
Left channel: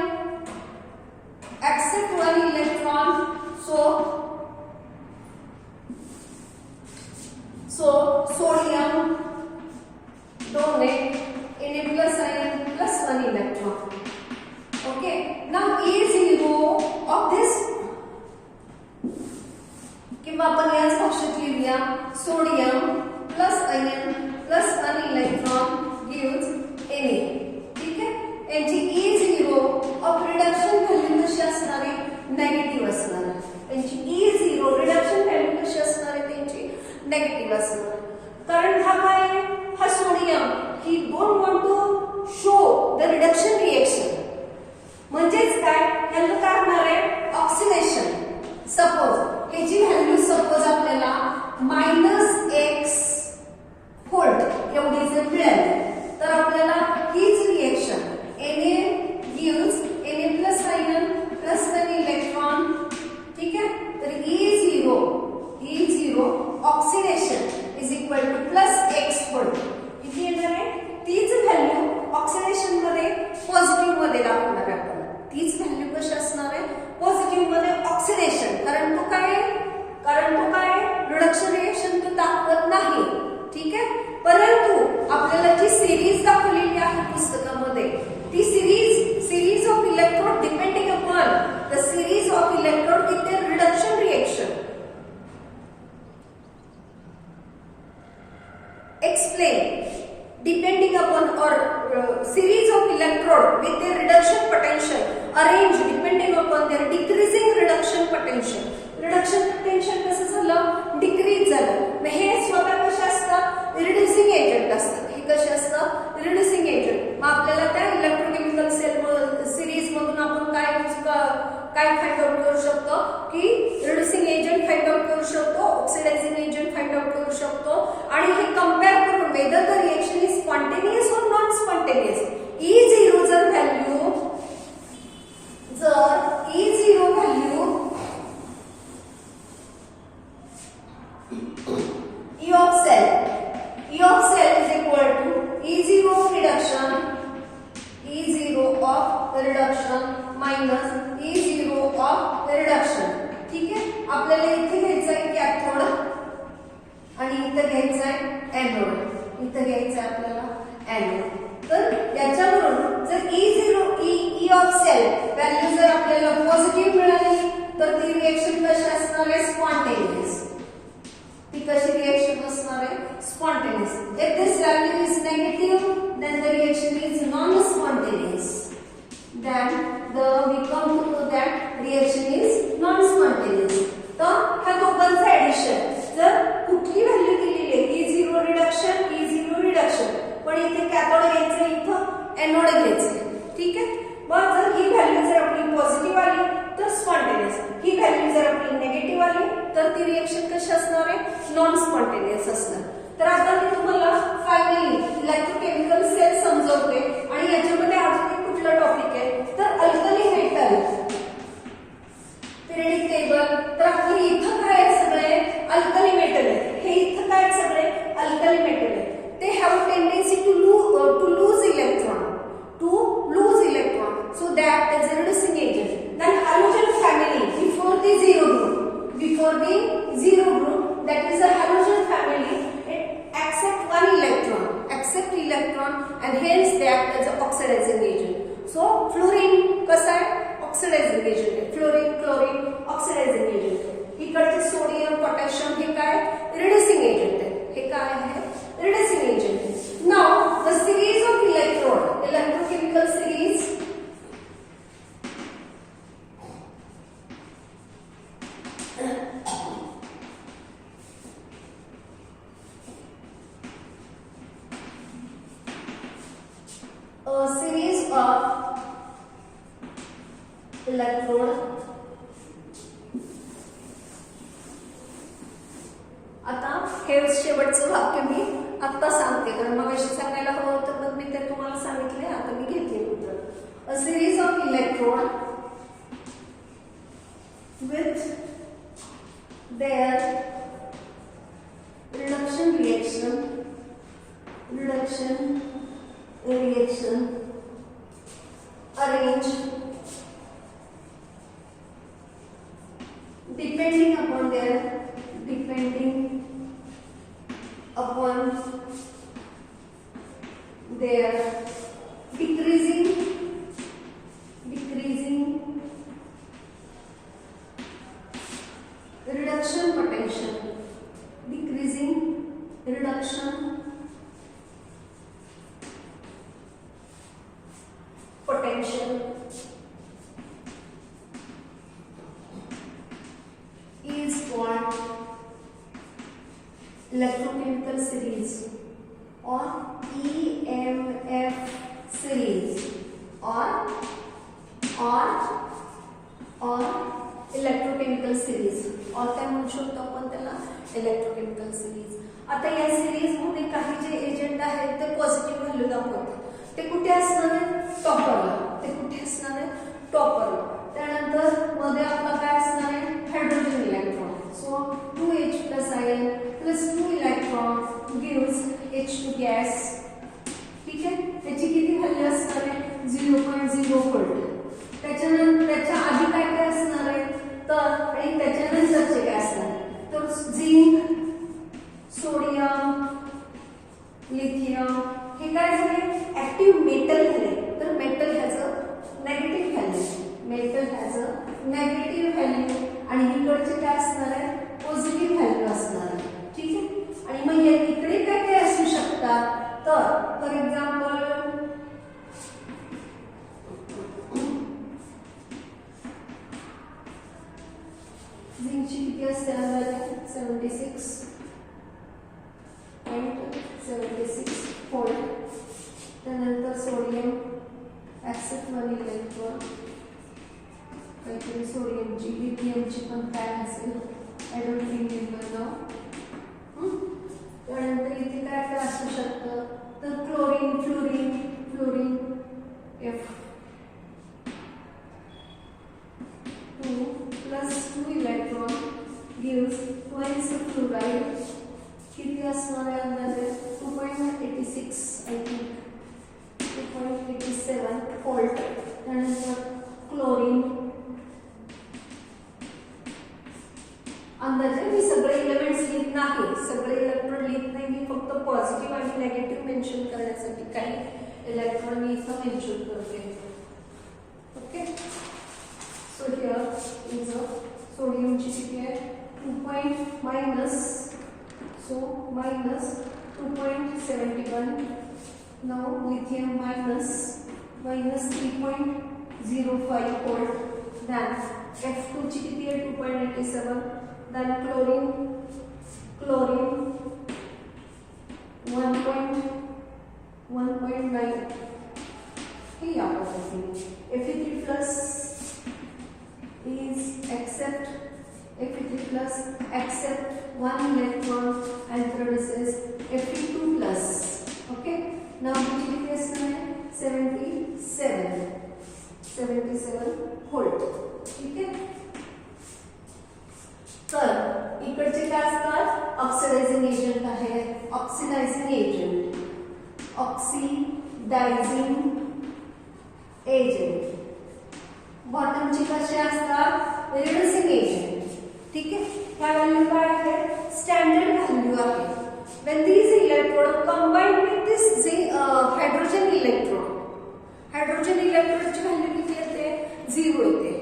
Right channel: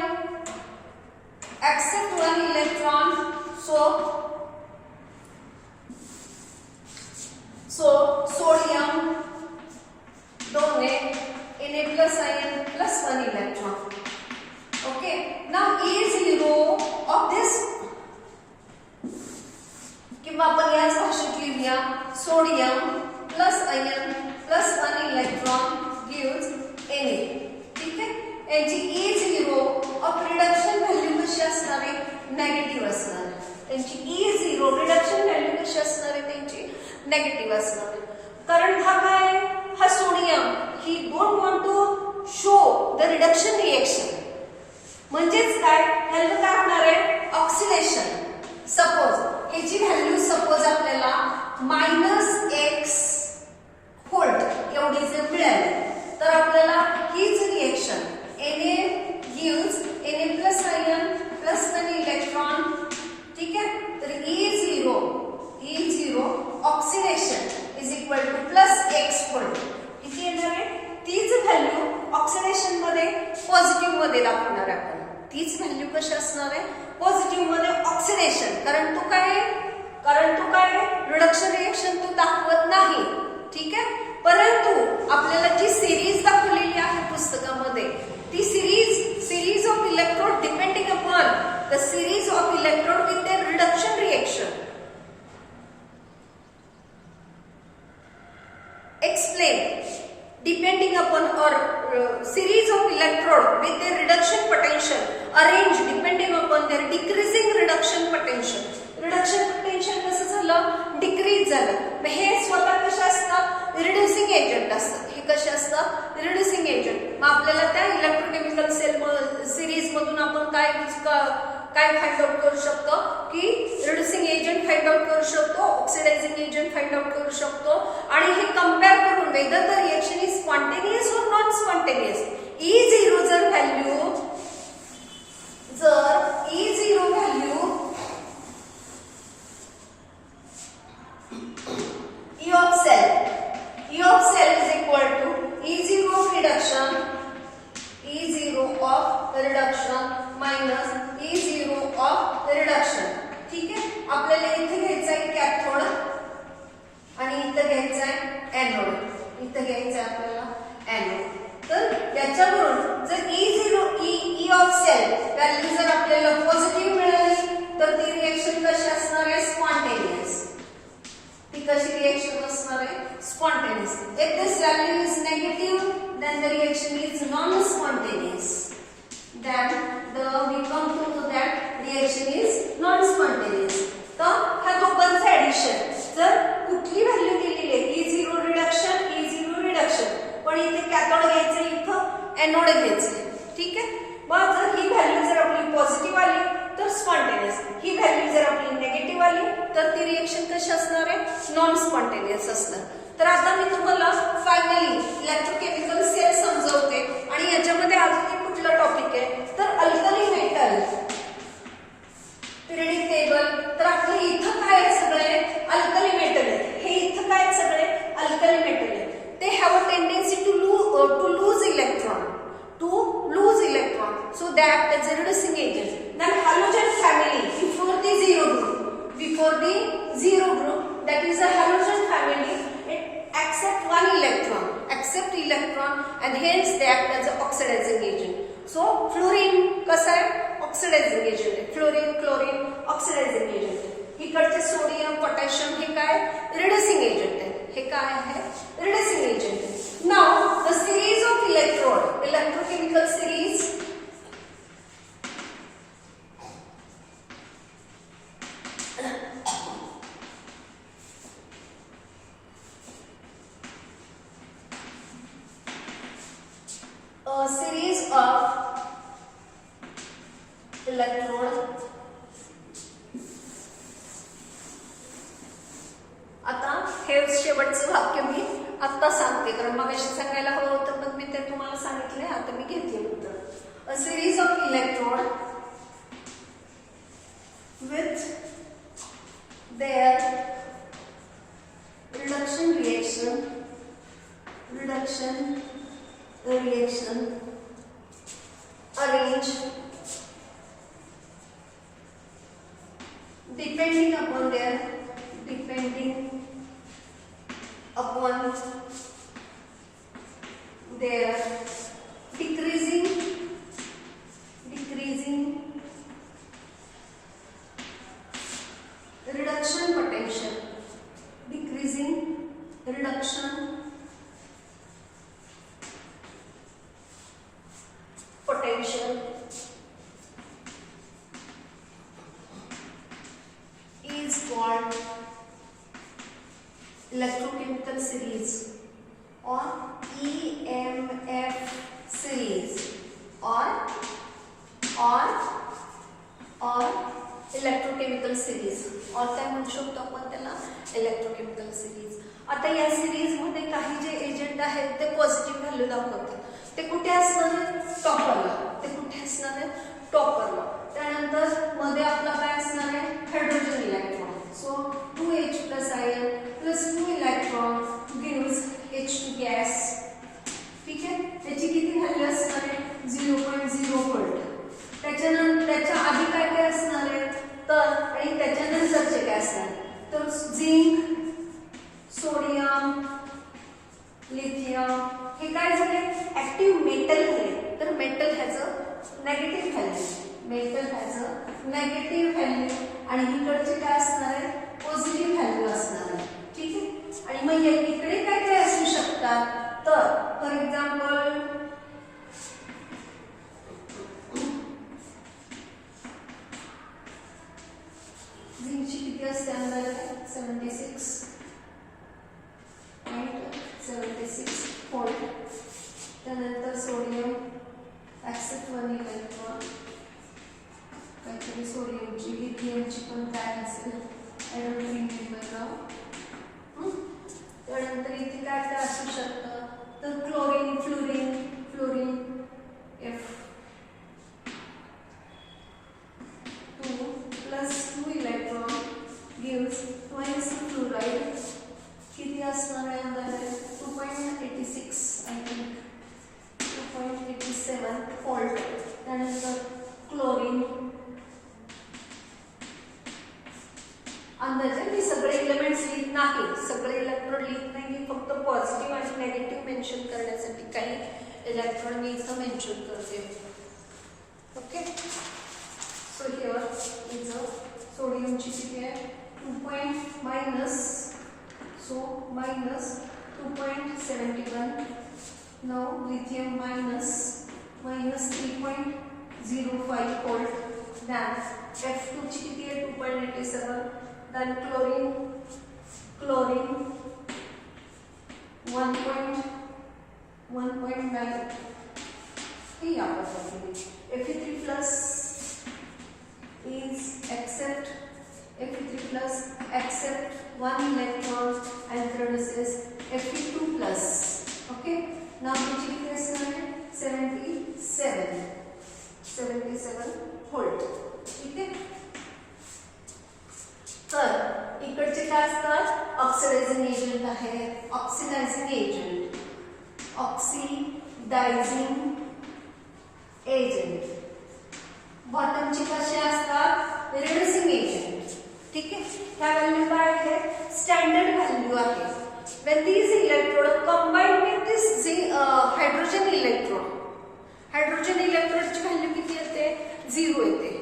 accept one electron, so sodium donate in a plus ion plus 1 electron. Okay, now E0 of this किंवा आपण याच भाषेत लिहूया sodium plus ion plus 1 electron gives Na. ठीक आहे, याची E0 ऑफ रिडक्शन व्हॅल्यू कशी असणार आहे नेगेटिव्ह असणार आहे. त्यांची E0 रिडक्शन व्हॅल्यू कशी असणार आहे त्यांची नेगेटिव्ह असणार आहे. कारण हा काय हा sodium he don't want to show the reduction reaction, म्हणजेच काय ह्याला काय होणार आहे ऑक्सिडेशन. सपोज ह्याची व्हॅल्यू सपोज आपल्याला -x व्होल्ट एवढी जर मिळाली तर आपल्याला हीच reaction Na gives Na plus ion plus 1 electron. ठीक आहे, तर E0 oxidation is equal to +x volt. किती येणार आहे तीच व्हॅल्यू ऑक्सिडेशन मध्ये पॉझिटिव्ह मध्ये दाखवणार आहे. तीच व्हॅल्यू कशी असणार आहे पॉझिटिव्ह मध्ये ऑक्सिडेशन, कारण तो काय रिडक्शन रिएक्शन तो दाखवत नाही. ठीक आहे, परंतु आपल्याला जी सिरीज दाखवलेली आहे पुस्तकामध्ये ती series of electrode depending upon the series of electrode with their reduction reaction. Explain depending upon or series of electrode with their reduction potential arranged depending upon their decreasing reduction potential. Reduction potential कसं झालं decrease झालं. मग हे स्वतः कशा असतात reducing agent असतात. हे कसे असतात रिड्युसिंग एजंट. मग आपल्याला त्या इलेक्ट्रोकेमिकल सेल सिरीज मधून आपण काय फाइंड आउट करू शकतो की रिड्युसिंग एजंट फाइंड आउट करू शकतो, ऑक्सिडायझिंग एजंट फाइंड आउट करू शकतो आणि हे कंपेअर करून whether the reaction is spontaneous और नॉन स्पॉन्टेनियस. E0 जर value E of cell is equal to E0 of reduction minus E0 of reduction. ठीक आहे, आपल्याला इथे घ्यायचं आहे कॅथोड आणि इथे घ्यायचं आहे एनोड. इथे घ्यायचं आहे आपल्याला एनोड. तर याच्यावरून जर E of cell व्हॅल्यू जर आपल्याला पॉझिटिव्ह मिळाली तर ती रिएक्शन कशी असणार आहे स्पॉन्टेनियस. ती कशी रिएक्शन असणार आहे spontaneous. If this value is negative then the reaction is non-spontaneous. Then we come to know that reaction is non-spontaneous. तर ह्या दोघांचं ऍडिशन जर कुठली व्हॅल्यू दिलेली आहे E0 रिडक्शन पण इथे कॅथोड घ्यायचं इथं एनोड घ्यायचं. ठीक आहे, मग जर ही व्हॅल्यू जर आपली पॉझिटिव्ह आली तर स्पॉन्टेनियस, ही व्हॅल्यू जर आपली निगेटिव्ह आली तर ती रिएक्शन कशी असणार आहे नॉन स्पॉन्टेनियस असणार. तर आता मी तुम्हाला फायनली इलेक्ट्रोकेमिकल सेल समजवते आणि याच्यामध्ये अजून एक कुठला टॉपिक आहे तर अल्कली मेटल पिरियडिक टेबल. तर आपले इथं काय आहे सगळे अल्कली मेटल आहे. हे इथं काय सगळे अल्कली मेटल आहे. ते have a tendency to lose electron so that as a reducing agent. Then halogen family before the zero group that is a halogen family it accept electron and hence they act as a oxidizing agent. So fluorine कसा आहे oxidizing agent आहे. fluorine chlorine oxidizing agent. इकडचे sodium potassium हे काय reducing agent आहे. a series of electrode. आता हे शेवटचं वाक्य मी आता सांगते, कारण मग अशी सांगायला हवं होतं पण मी ते तुम्हाला सांगितलंय, आता मी घेतले उत्तर. अ series of electrode with their reduction reaction arranged depending upon their decreasing reduction potential, decreasing reduction potential is called electrochemical series or EMF series or electrochemical series, और काय म्हणू शकतो आपण त्याला, इलेक्ट्रोकेमिकल सिरीज. आता या सिरीज मध्ये काही जे एजंट आहेत ते पॉझिटिव्ह व्हॅल्यू दाखवतात. ते कुठे असणार आहे, टॉपरला. ते कुठे असणार आहे, टॉपरला. त्यानंतर मध्ये आपला काय असणार आहे, hydrogen electron. So 2H plus Ion plus 2 electron gives H2 gas. ठीक आहे, त्याची किती व्हॅल्यू असणार आहे, 0.0 व्होल्ट. त्याच्यानंतर त्याच्या आधी काय काय असणार आहे तर, आणि त्याच्यानंतरचे काय असणार तर झिंक, सोडियम, लिथियम हे काय झाले, ऍक्टिव्ह मेटल झाले. तर metal has a negative value, आणि इकडचे काय असणार आहे, पॉझिटिव्ह व्हॅल्यू असणार आहे. ठीक आहे, आणि मग इकडे काय काय असू शकतात तर, फॉर एक्झाम्पल झिंकची किती असते अंदाजे 76.76 व्होल्ट. त्यानंतर सोडियम ऍक्सेप्ट 1 इलेक्ट्रॉन, काहीतरी सोडियमची, लिथियमची पण काय असेल, आय डोंट रिमेंबर नाउ. त्यानंतर इथे काय काय असू शकतं तर chlorine, fluorine F 2 plus 2 electron gives twice fluoride. किती असणार आहे अंदाजे 2.86 आय थिंक 2.87 व्होल्ट. त्यानंतर क्लोरीन अंदाजे, मी सगळे एलिमेंट्स लिहित नाही, सगळे इलेक्ट्रॉन लिहित नाही, मी फक्त पॉझिटिव्ह आणि नेगेटिव्ह मेन्शन करण्यासाठी काही इलेक्ट्रॉन मी इथं मेन्शन करते. Okay, so here is a sodium किती आहे 2 minus 2.71. now lithium minus 3.05 volt. then F2 ची किती आहे 2.87. then chlorine 1.9 हे या पद्धतीने. Fe3 plus is accept 1 electron and produces Fe2 plus. okay, now which is 77 volt. ठीक आहे, तर इकडचे काय असतात, ऑक्सिडायझिंग एजंट आहे, ऑक्सिडायझिंग एजंट. बॉटमचे कसे असतात, रिड्युसिंग एजंट. ठीक आहे, ह्या व्हॅल्यू काय आहे, स्टँडर्ड व्हॅल्यू आहे. when these electrode combine with this hydrogen electron, ची व्हॅल्यू किती येते, 0 येते.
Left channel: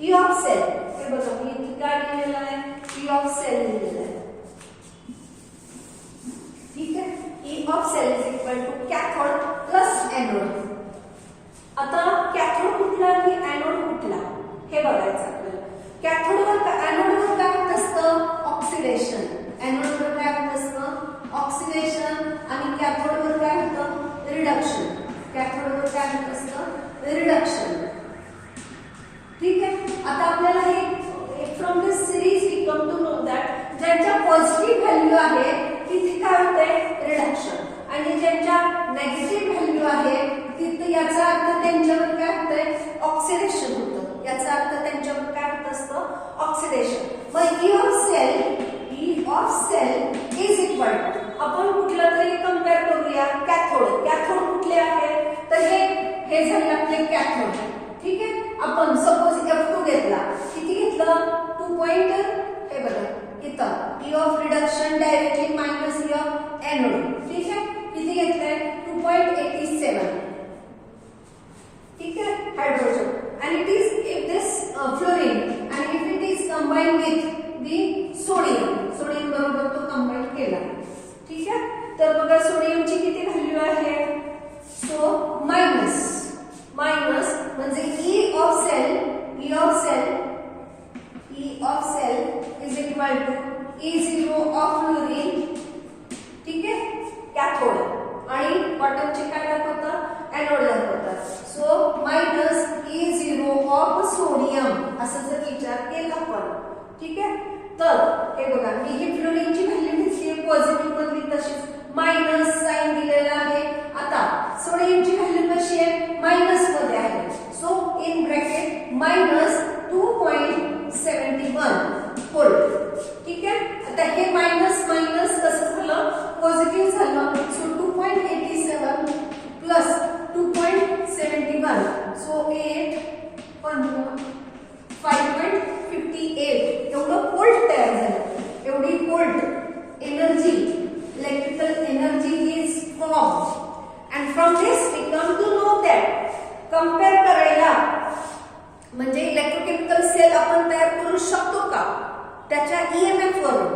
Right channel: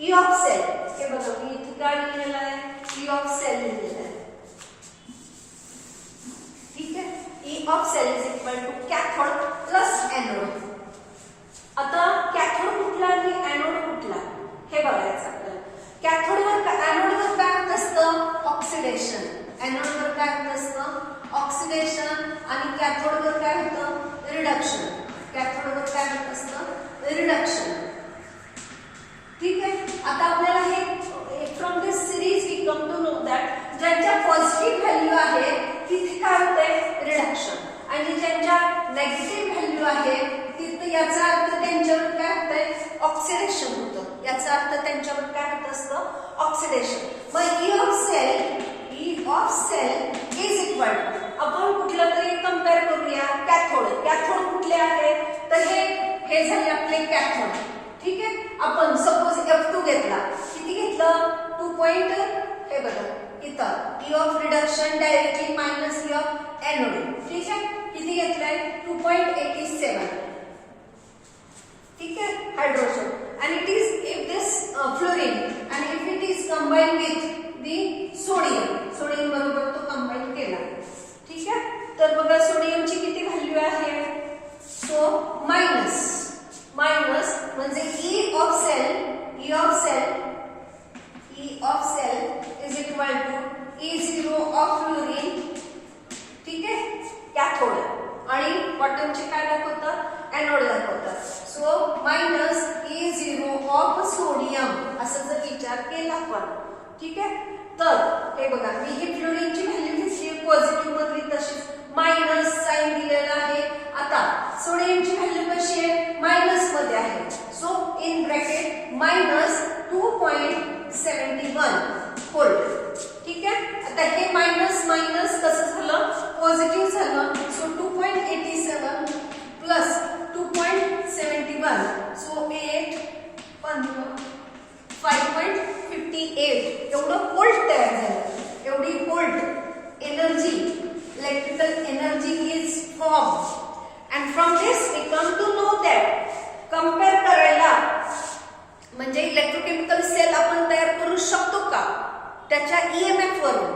E of cell, हे बघा मी इथे काय लिहिलेलं आहे, E of cell लिहिलेलं आहे. ठीक आहे, E of cell is equal to cathode plus anode. आता कॅथोड कुठला आणि एनोड कुठला हे बघायचं आपल्याला. कॅथोडवर एनोडवर काय होत असतं, ऑक्सिडेशन. एनोडवर काय होत असतं, ऑक्सिडेशन, आणि कॅथोडवर काय होतं, रिडक्शन. कॅथोडवर काय होत असतं रिडक्शन. ठीक आहे. आता आपल्याला हे from this series we come to know that ज्यांच्या पॉझिटिव्ह व्हॅल्यू आहे तिथे काय होते रिडक्शन आणि ज्यांच्या नेगेटिव्ह व्हॅल्यू आहे तिथे याचा अर्थ त्यांच्यावर काय होतंय ऑक्सिडेशन होतं. याचा अर्थ त्यांच्यावर काय होत असतं ऑक्सिडेशन. मग E of cell is equal to आपण कुठला तरी कंपेअर करूया कॅथोड. कॅथोड कुठले आहेत तर हे झाले आपले कॅथोड. ठीक आहे. आपण सपोज F2 घेतला. किती घेतलं 2 पॉइंट हे बघा इथं E of reduction directly minus E of anode. ठीक आहे. किती घेतलंय 2.87. ठीक आहे hydrogen and it is if this fluorine and if it is combined with the sodium बरोबर तो कंबाईन केला. ठीक आहे. तर बघा सोडियमची किती व्हॅल्यू आहे सो मायनस म्हणजे E of cell is equal to E0 of fluorine. ठीक आहे कॅथोड आणि बॉटमचे काय दाखवतात एनोड दाखवतात. So minus E0 of sodium असं जर विचार केला आपण. ठीक आहे. तर हे बघा मी ही फ्लोरीनची व्हॅल्यू घेतली पॉझिटिव्ह मधली तशीच मायनस साइन दिलेला आहे. आता सोडियमची व्हॅल्यू कशी आहे मायनस मध्ये आहे. So in bracket minus 2.71 volt. ठीक आहे. आता हे मायनस कसं झालं पॉझिटिव्ह झालं. सो 2.87 प्लस 2.71 सो 5.58 एवढं व्होल्ट तयार झालं. एवढी volt energy electrical energy is form and from this we come to know that compare करायला म्हणजे इलेक्ट्रोकेमिकल सेल आपण तयार करू शकतो का त्याच्या ईएमएफ वरून.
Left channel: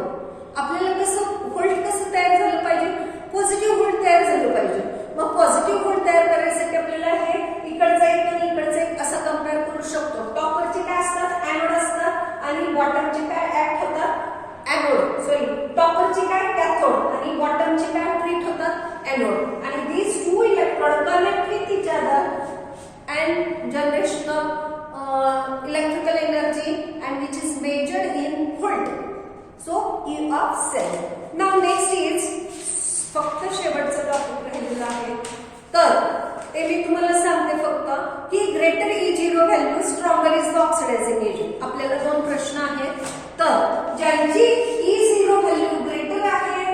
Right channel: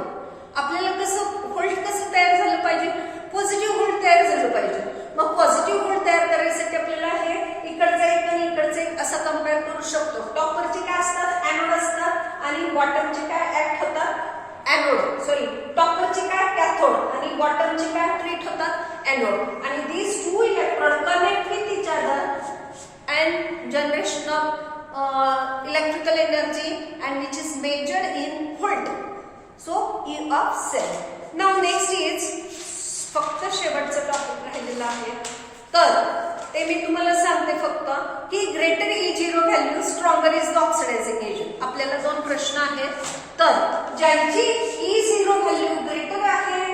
आपल्याला कसं व्होल्ट कसं तयार झालं पाहिजे पॉझिटिव्ह व्होल्ट तयार झालं पाहिजे. मग पॉझिटिव्ह व्होल्ट तयार करायसाठी आपल्याला हे इकडचं एक आणि इकडचं एक असं कंपेअर करू शकतो. टॉपरचे काय असतात एनोड असतात आणि बॉटमचे काय ऍक्ट होतात टॉपरचे काय कॅथोड आणि बॉटमचे काय ट्रीट होतात एनोड आणि these two electrons connect with each other and generation of electrical energy and which is measured in volt. So E of cell. Now next is फक्त शेवटचं टॉपिक राहिलेलं आहे. तर ते मी तुम्हाला सांगते फक्त की greater E0 value stronger is the oxidizing agent. आपल्याला 2 प्रश्न आहेत. तर ज्यांची E0 व्हॅल्यू ग्रेटर आहे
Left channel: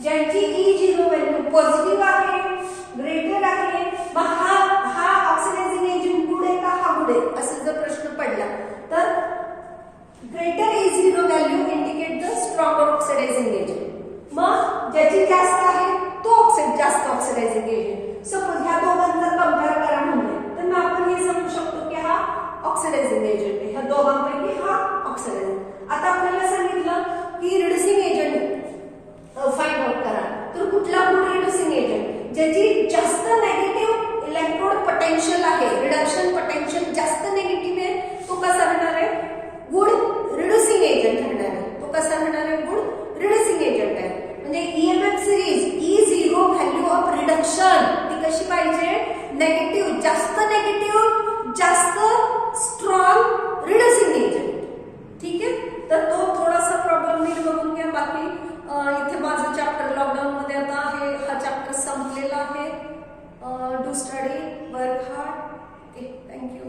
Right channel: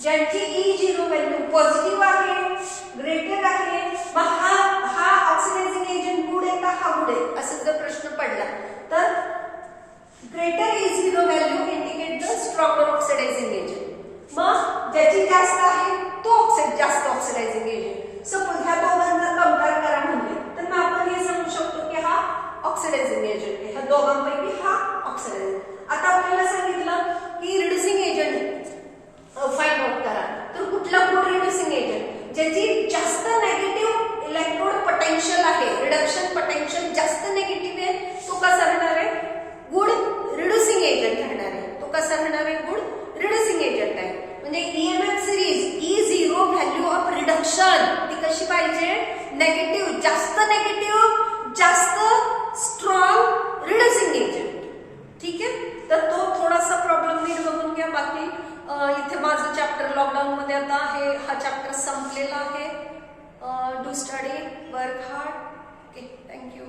ज्यांची E0 व्हॅल्यू पॉझिटिव्ह आहे ग्रेटर आहे मग हा ऑक्सिडायझिंग एजंट गुड आहे का हा गुड आहे असं जर प्रश्न पडला तर greater E0 value indicate the stronger oxidizing agent. मग ज्याची जास्त आहे तो जास्त ऑक्सिडायझिंग एजंट. सपोज ह्या दोघांना कंपेअर करा म्हणले तर मग आपण हे समजू शकतो की हा ऑक्सिडायझिंग एजंट आहे. ह्या दोघांपैकी हा ऑक्सिडायझिंग. आता आपल्याला सांगितलं की रिड्युसिंग एजंट फाइंड आउट करा. तर कुठला गुड रिड्युसिंग एजंट ज्याची जास्त नेगेटिव्ह इलेक्ट्रोड पोटेन्शियल आहे रिडक्शन पोटेन्शियल जास्त नेगेटिव्ह आहे तो कसा राहणार आहे गुड रिड्युसिंग एजंट राहणार आहे. तो कसा राहणार आहे गुड रिड्युसिंग एजंट आहे. म्हणजे EMF series E0 value of reduction ती कशी पाहिजे नेगेटिव्ह जास्त स्ट्रॉंग रिड्युसिंग एजंट. ठीक आहे. तर तो थोडासा प्रॉब्लेम नीट बघून घ्या. बाकी इथे माझं चॅप्टर लॉकडाऊन मध्ये आता आहे हा चॅप्टर संपलेला आहे. Do study work hard. Okay thank you.